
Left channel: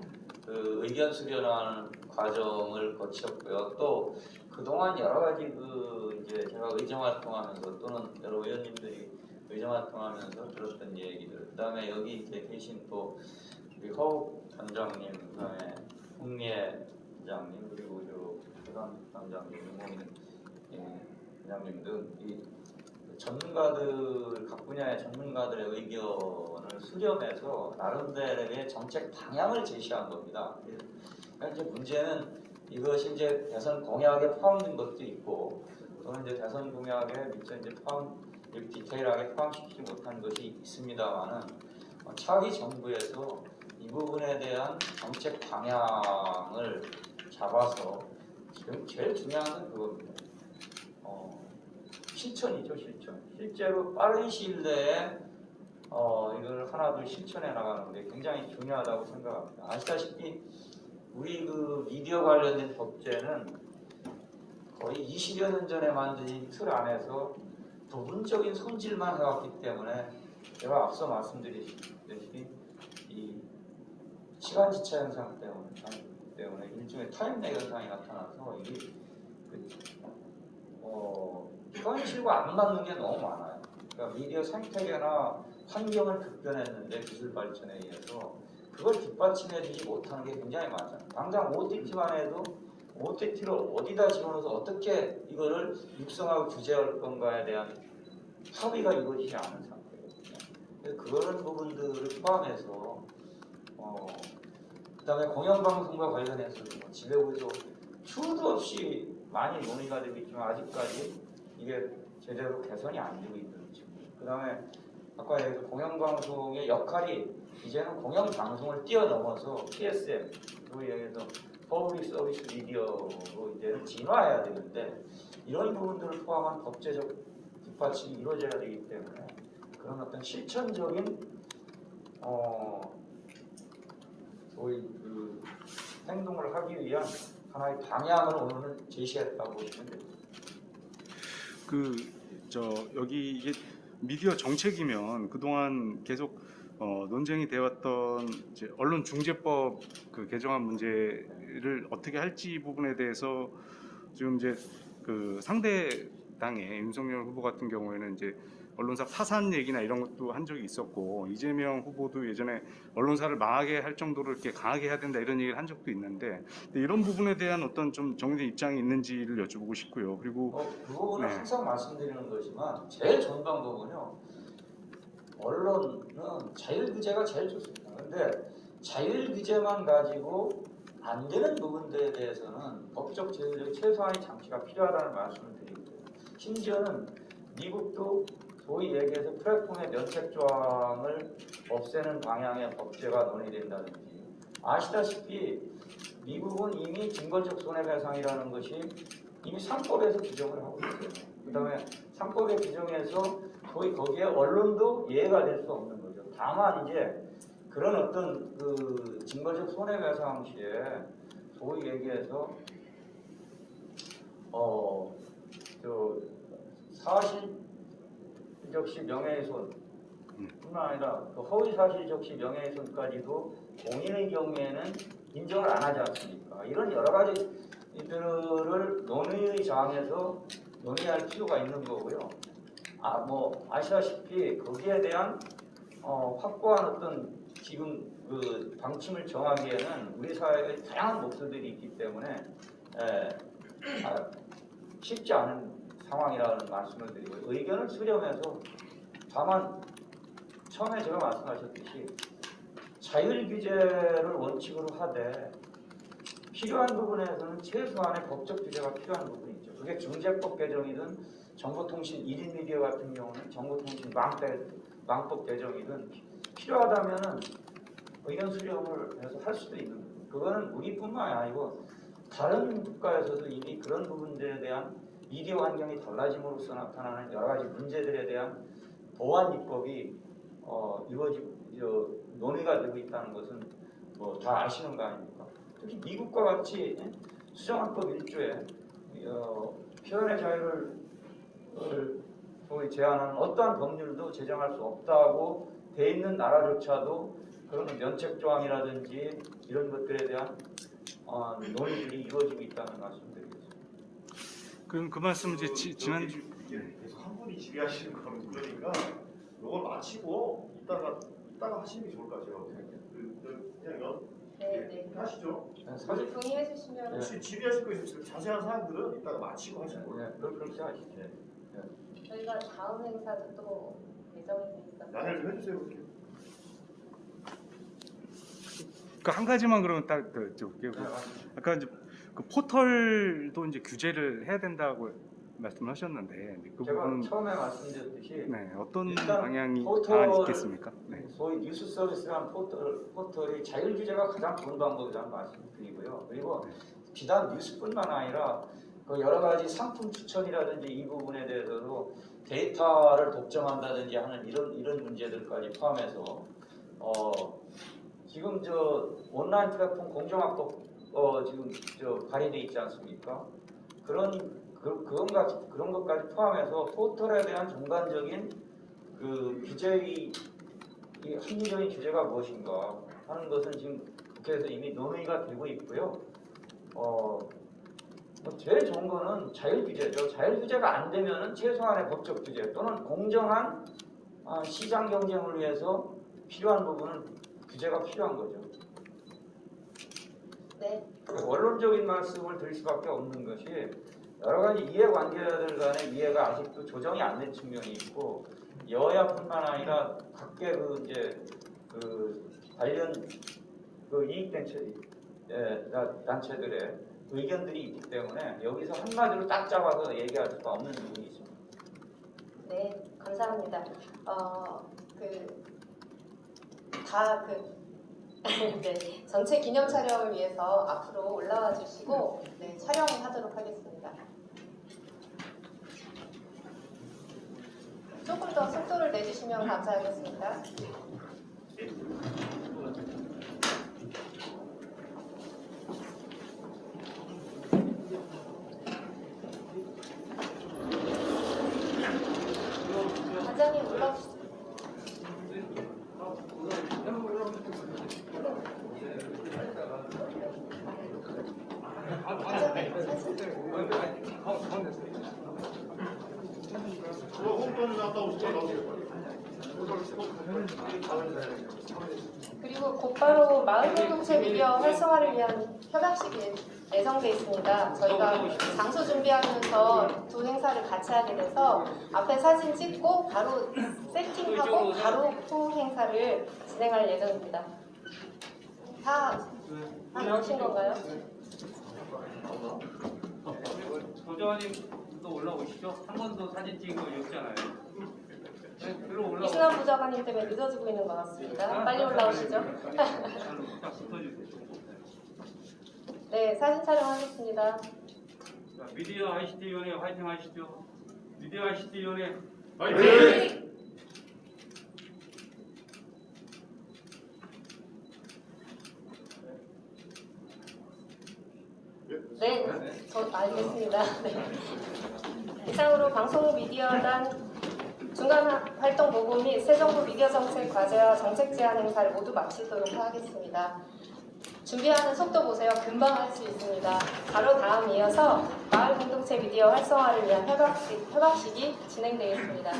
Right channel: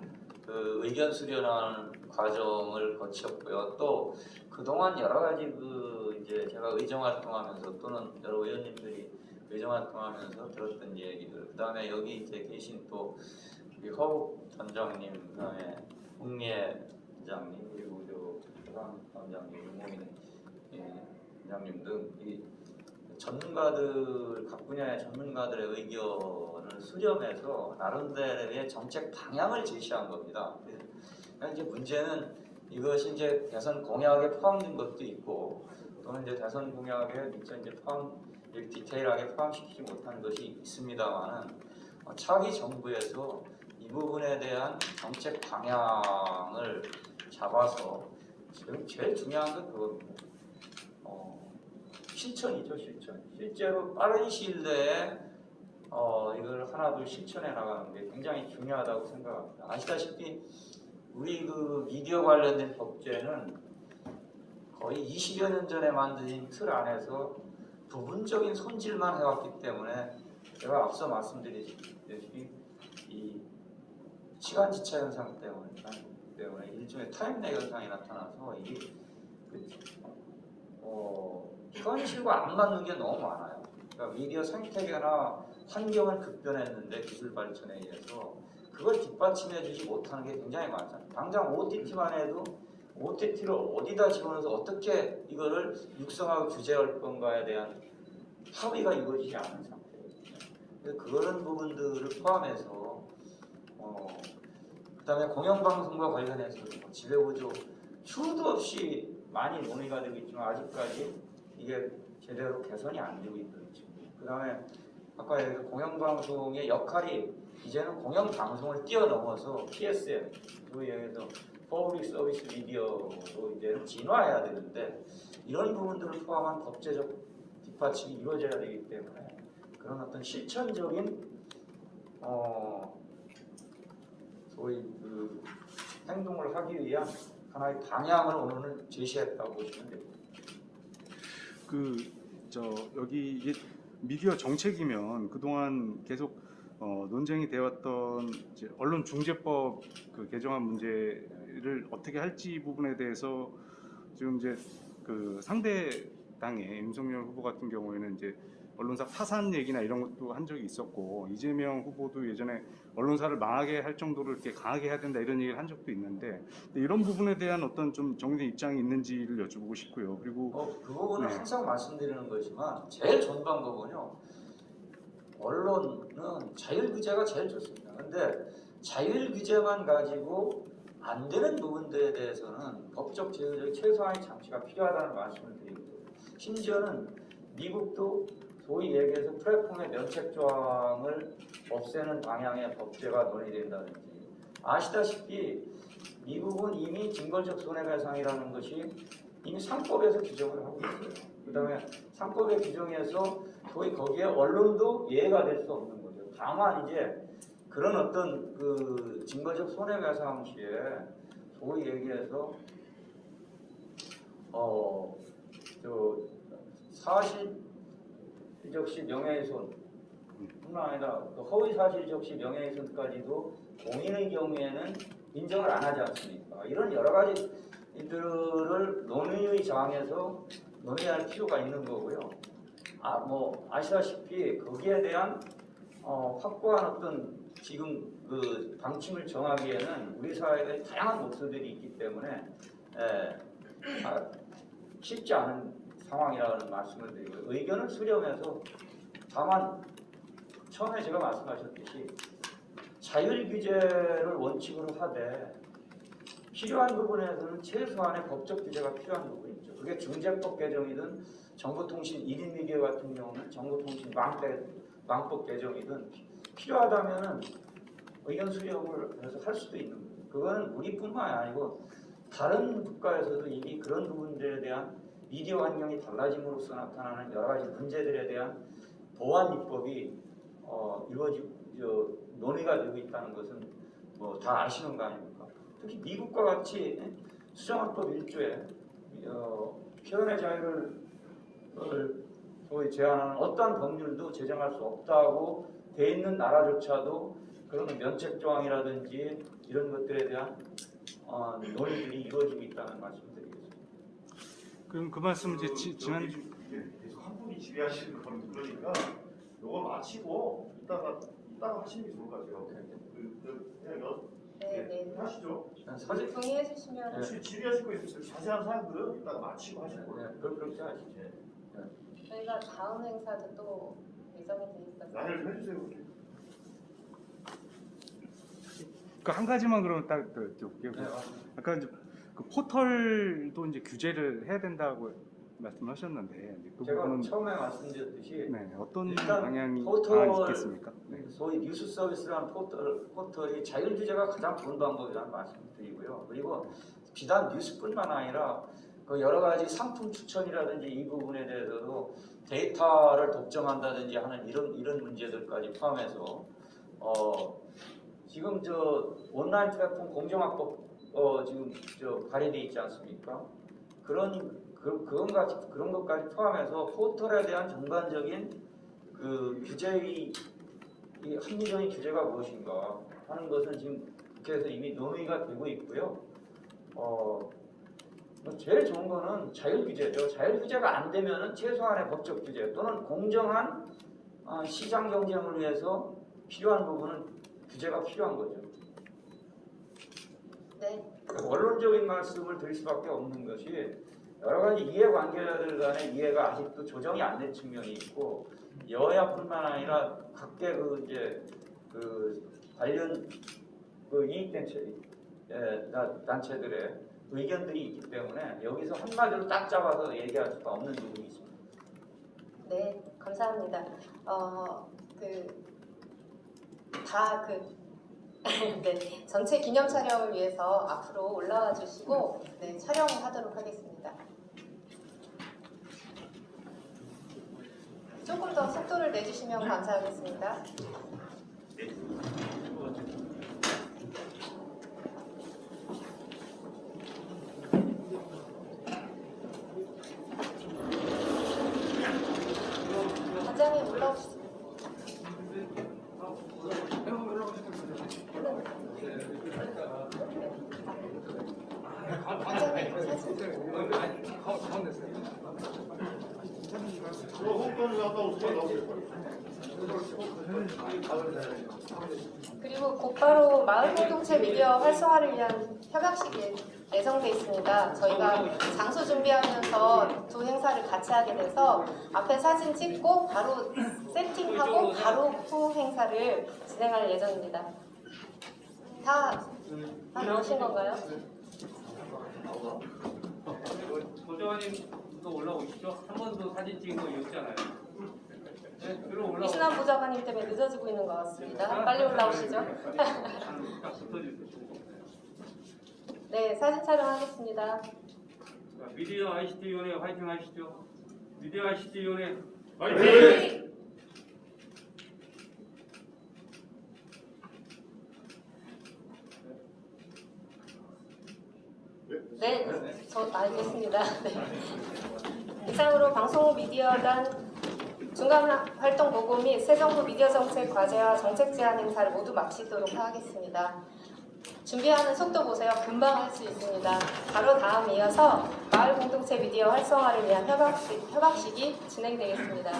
그 의견 수렴하는 과정을 거쳤고요. 또 그동안 여러 가지 그 이제 제가 의정 활동하면서 또는 여러 의원님들이 의정 활동하면서 들었던 얘기들, 그다음에 여기 이제 계신 또 우리 허욱 단장님, 그다음에 홍미애 단장님, 그리고 저 최강 단장님, 유목민 원장님 등 이 전문가들 각 분야의 전문가들의 의견을 수렴해서 나름대로의 정책 방향을 제시한 겁니다. 그러니까 이제 문제는 이것이 이제 대선 공약에 포함된 것도 있고 또는 이제 대선 공약에 미처 이제 디테일하게 포함시키지 못한 것이 있습니다만은 차기 정부에서 이 부분에 대한 정책 방향을 잡아서 지금 제일 중요한 건 그겁니다. 실천이죠, 실천. 실제로 빠른 시일 내에 이걸 하나둘 실천해 나가는 게 굉장히 중요하다고 생각합니다. 아시다시피 우리 그 미디어 관련된 법제는 거의 20여 년 전에 만든 틀 안에서 부분적인 손질만 해왔기 때문에 제가 앞서 말씀드렸듯이 이 시간 지차 현상 때문에 일종의 타임렉 현상이 나타나서 이게 현실과 안 맞는 게 너무 많아요. 그러니까 미디어 생태계나 환경을 급변했는데 기술 발전에 의해서 그걸 뒷받침해주지 못하는 게 굉장히 많잖아요. 당장 OTT만 해도 OTT를 어디다 집어넣어서 어떻게 이거를 육성하고 규제할 건가에 대한 합의가 이루어지지 않은 상태거든요. 그런 부분들을 포함해서 그다음에 공영방송과 관련해서도 뭐 지배구조 수도 없이 많이 논의가 되고 있지만 아직까지 이게 제대로 개선이 안 되고 있는 지금. 그다음에 아까 얘기했던 공영방송의 역할이 이제는 공영방송을 뛰어넘어서 PSM, 그리고 여기서 퍼블릭 서비스 미디어로 이제 진화해야 되는데 이런 부분들을 포함한 법제적 뒷받침이 이루어져야 되기 때문에 그런 어떤 실천적인 소위 그 행동을 하기 위한 하나의 방향을 오늘은 제시했다고 보시면 됩니다. 여기 이게 미디어 정책이면 그동안 계속 논쟁이 되었던 이제 언론중재법 그 개정안 문제를 어떻게 할지 부분에 대해서 지금 이제 그 상대 당의 윤석열 후보 같은 경우에는 이제 언론사 파산 얘기나 이런 것도 한 적이 있었고 이재명 후보도 예전에 언론사를 망하게 할 정도로 이렇게 강하게 해야 된다 이런 얘기를 한 적도 있는데 이런 부분에 대한 어떤 좀 정리된 입장이 있는지를 여쭤보고 싶고요. 그리고 그 부분은 네. 항상 말씀드리는 거지만 제일 좋은 방법은요. 언론은 자율규제가 제일 좋습니다. 근데 자율규제만 가지고 안 되는 부분들에 대해서는 법적 제도적 최소한의 장치가 필요하다는 말씀을 드립니다. 심지어는 미국도 소위 얘기해서 플랫폼의 면책 조항을 없애는 방향의 법제가 논의된다든지 아시다시피 미국은 이미 증거적 손해배상이라는 것이 이미 3법에서 규정을 하고 있어요. 그 다음에 3법의 규정에서 거의 거기에 언론도 예외가 될 수 없는 거죠. 다만 이제 그런 어떤 그 증거적 손해배상 시에 소위 얘기해서 사실적시 명예훼손 뿐만 아니라 또 허위사실적시 명예훼손까지도 공인의 경우에는 인정을 안 하지 않습니까? 이런 여러 가지 이들을 논의의 장에서 논의할 필요가 있는 거고요. 아시다시피 거기에 대한 확고한 어떤 지금 그 방침을 정하기에는 우리 사회의 다양한 목소리들이 있기 때문에 쉽지 않은 상황이라는 말씀을 드리고 의견을 수렴해서 다만 처음에 제가 말씀하셨듯이 자율규제를 원칙으로 하되 필요한 부분에서는 최소한의 법적 규제가 필요한 부분이 있죠. 그게 중재법 개정이든 정보통신 1인 미디어 같은 경우는 정보통신 망법 개정이든 필요하다면은 의견 수렴을 해서 할 수도 있는 거죠. 그거는 우리뿐만이 아니고 다른 국가에서도 이미 그런 부분들에 대한 미디어 환경이 달라짐으로써 나타나는 여러 가지 문제들에 대한 보완 입법이 논의가 되고 있다는 것은 뭐 다 아시는 거 아닙니까? 특히 미국과 같이 수정헌법 1조에 표현의 자유를 소위 제한하는 어떠한 법률도 제정할 수 없다고 돼 있는 나라조차도 그런 면책 조항이라든지 이런 것들에 대한 논의들이 이루어지고 있다는 말씀드리겠습니다. 그럼 그 말씀 이제 지난 이게 계속 한 분이 지배하시는 거는 그러니까 이걸 마치고 이따가 하시는 게 좋을 것 같아요. 그냥 네. 하시죠. 사실 동의해 주시면 혹시 질의하실 거 있으면 자세한 사항들은 이따가 마치고 하시고. 그렇게 하시죠. 저희가 다음 행사도 또 예정이 돼 있어서 양해를 좀 해주세요. 이렇게. 그 한 가지만 그러면 딱 여쭤볼게요. 네, 아까 이제 그 포털도 이제 규제를 해야 된다고 말씀하셨는데 그 제가 부분은 처음에 말씀드렸듯이 네, 어떤 일단 방향이 포털- 있겠습니까? 네. 소위 뉴스 서비스라는 포털이 자율 규제가 가장 좋은 방법이라는 말씀드리고요. 그리고 비단 뉴스뿐만 아니라 그 여러 가지 상품 추천이라든지 이 부분에 대해서도 데이터를 독점한다든지 하는 이런 문제들까지 포함해서 지금 저 온라인 플랫폼 공정합법 지금 저 발의돼 있지 않습니까? 그런 것까지 포함해서 포털에 대한 전반적인 그 규제의 이 합리적인 규제가 무엇인가 하는 것은 지금 국회에서 이미 논의가 되고 있고요. 제일 좋은 거는 자율 규제죠. 자율 규제가 안 되면은 최소한의 법적 규제 또는 공정한 시장 경쟁을 위해서 필요한 부분은 규제가 필요한 거죠. 네. 원론적인 말씀을 드릴 수밖에 없는 것이 여러 가지 이해관계자들 간의 이해가 아직도 조정이 안 된 측면이 있고 여야뿐만 아니라 각계 관련 이익단체들의 의견들이 있기 때문에 여기서 한마디로 딱 잡아서 얘기할 수가 없는 부분이 있습니다. 네, 감사합니다. 네, 전체 기념 촬영을 위해서 앞으로 올라와 주시고 네, 촬영을 하도록 하겠습니다. 조금 더 속도를 내주시면 감사하겠습니다. 부장님 올라오시죠. 부장님 사진. 저 홍보는 한다고 생각하고 그리고 곧바로 마을 공동체 미디어 활성화를 위한 협약식이 예정돼 있습니다. 저희가 장소 준비하면서 두 행사를 같이 하게 돼서 앞에 사진 찍고 바로 세팅하고 바로 후 행사를 진행할 예정입니다. 다 나오신 건가요? 조장관님도 올라오시죠? 한 번도 사진 찍은 거 없잖아요. 네, 그리고 올라오시죠. 이순환 부장관님 때문에 늦어지고 있는 것 같습니다. 빨리 올라오시죠. 딱 붙어주세요. 네, 사진 촬영하겠습니다. 자, 미디어 ICT 위원회 화이팅 하시죠. 미디어 ICT 위원회 화이팅! 네, 저 알겠습니다. 네. 이상으로 방송국 미디어단 중간 활동 보고 및 새 정부 미디어 정책 과제와 정책 제안 행사를 모두 마치도록 하겠습니다. 준비하는 속도 보세요. 금방 할 수 있습니다. 바로 다음 이어서 마을 공동체 미디어 활성화를 위한 협약식이 진행되겠습니다.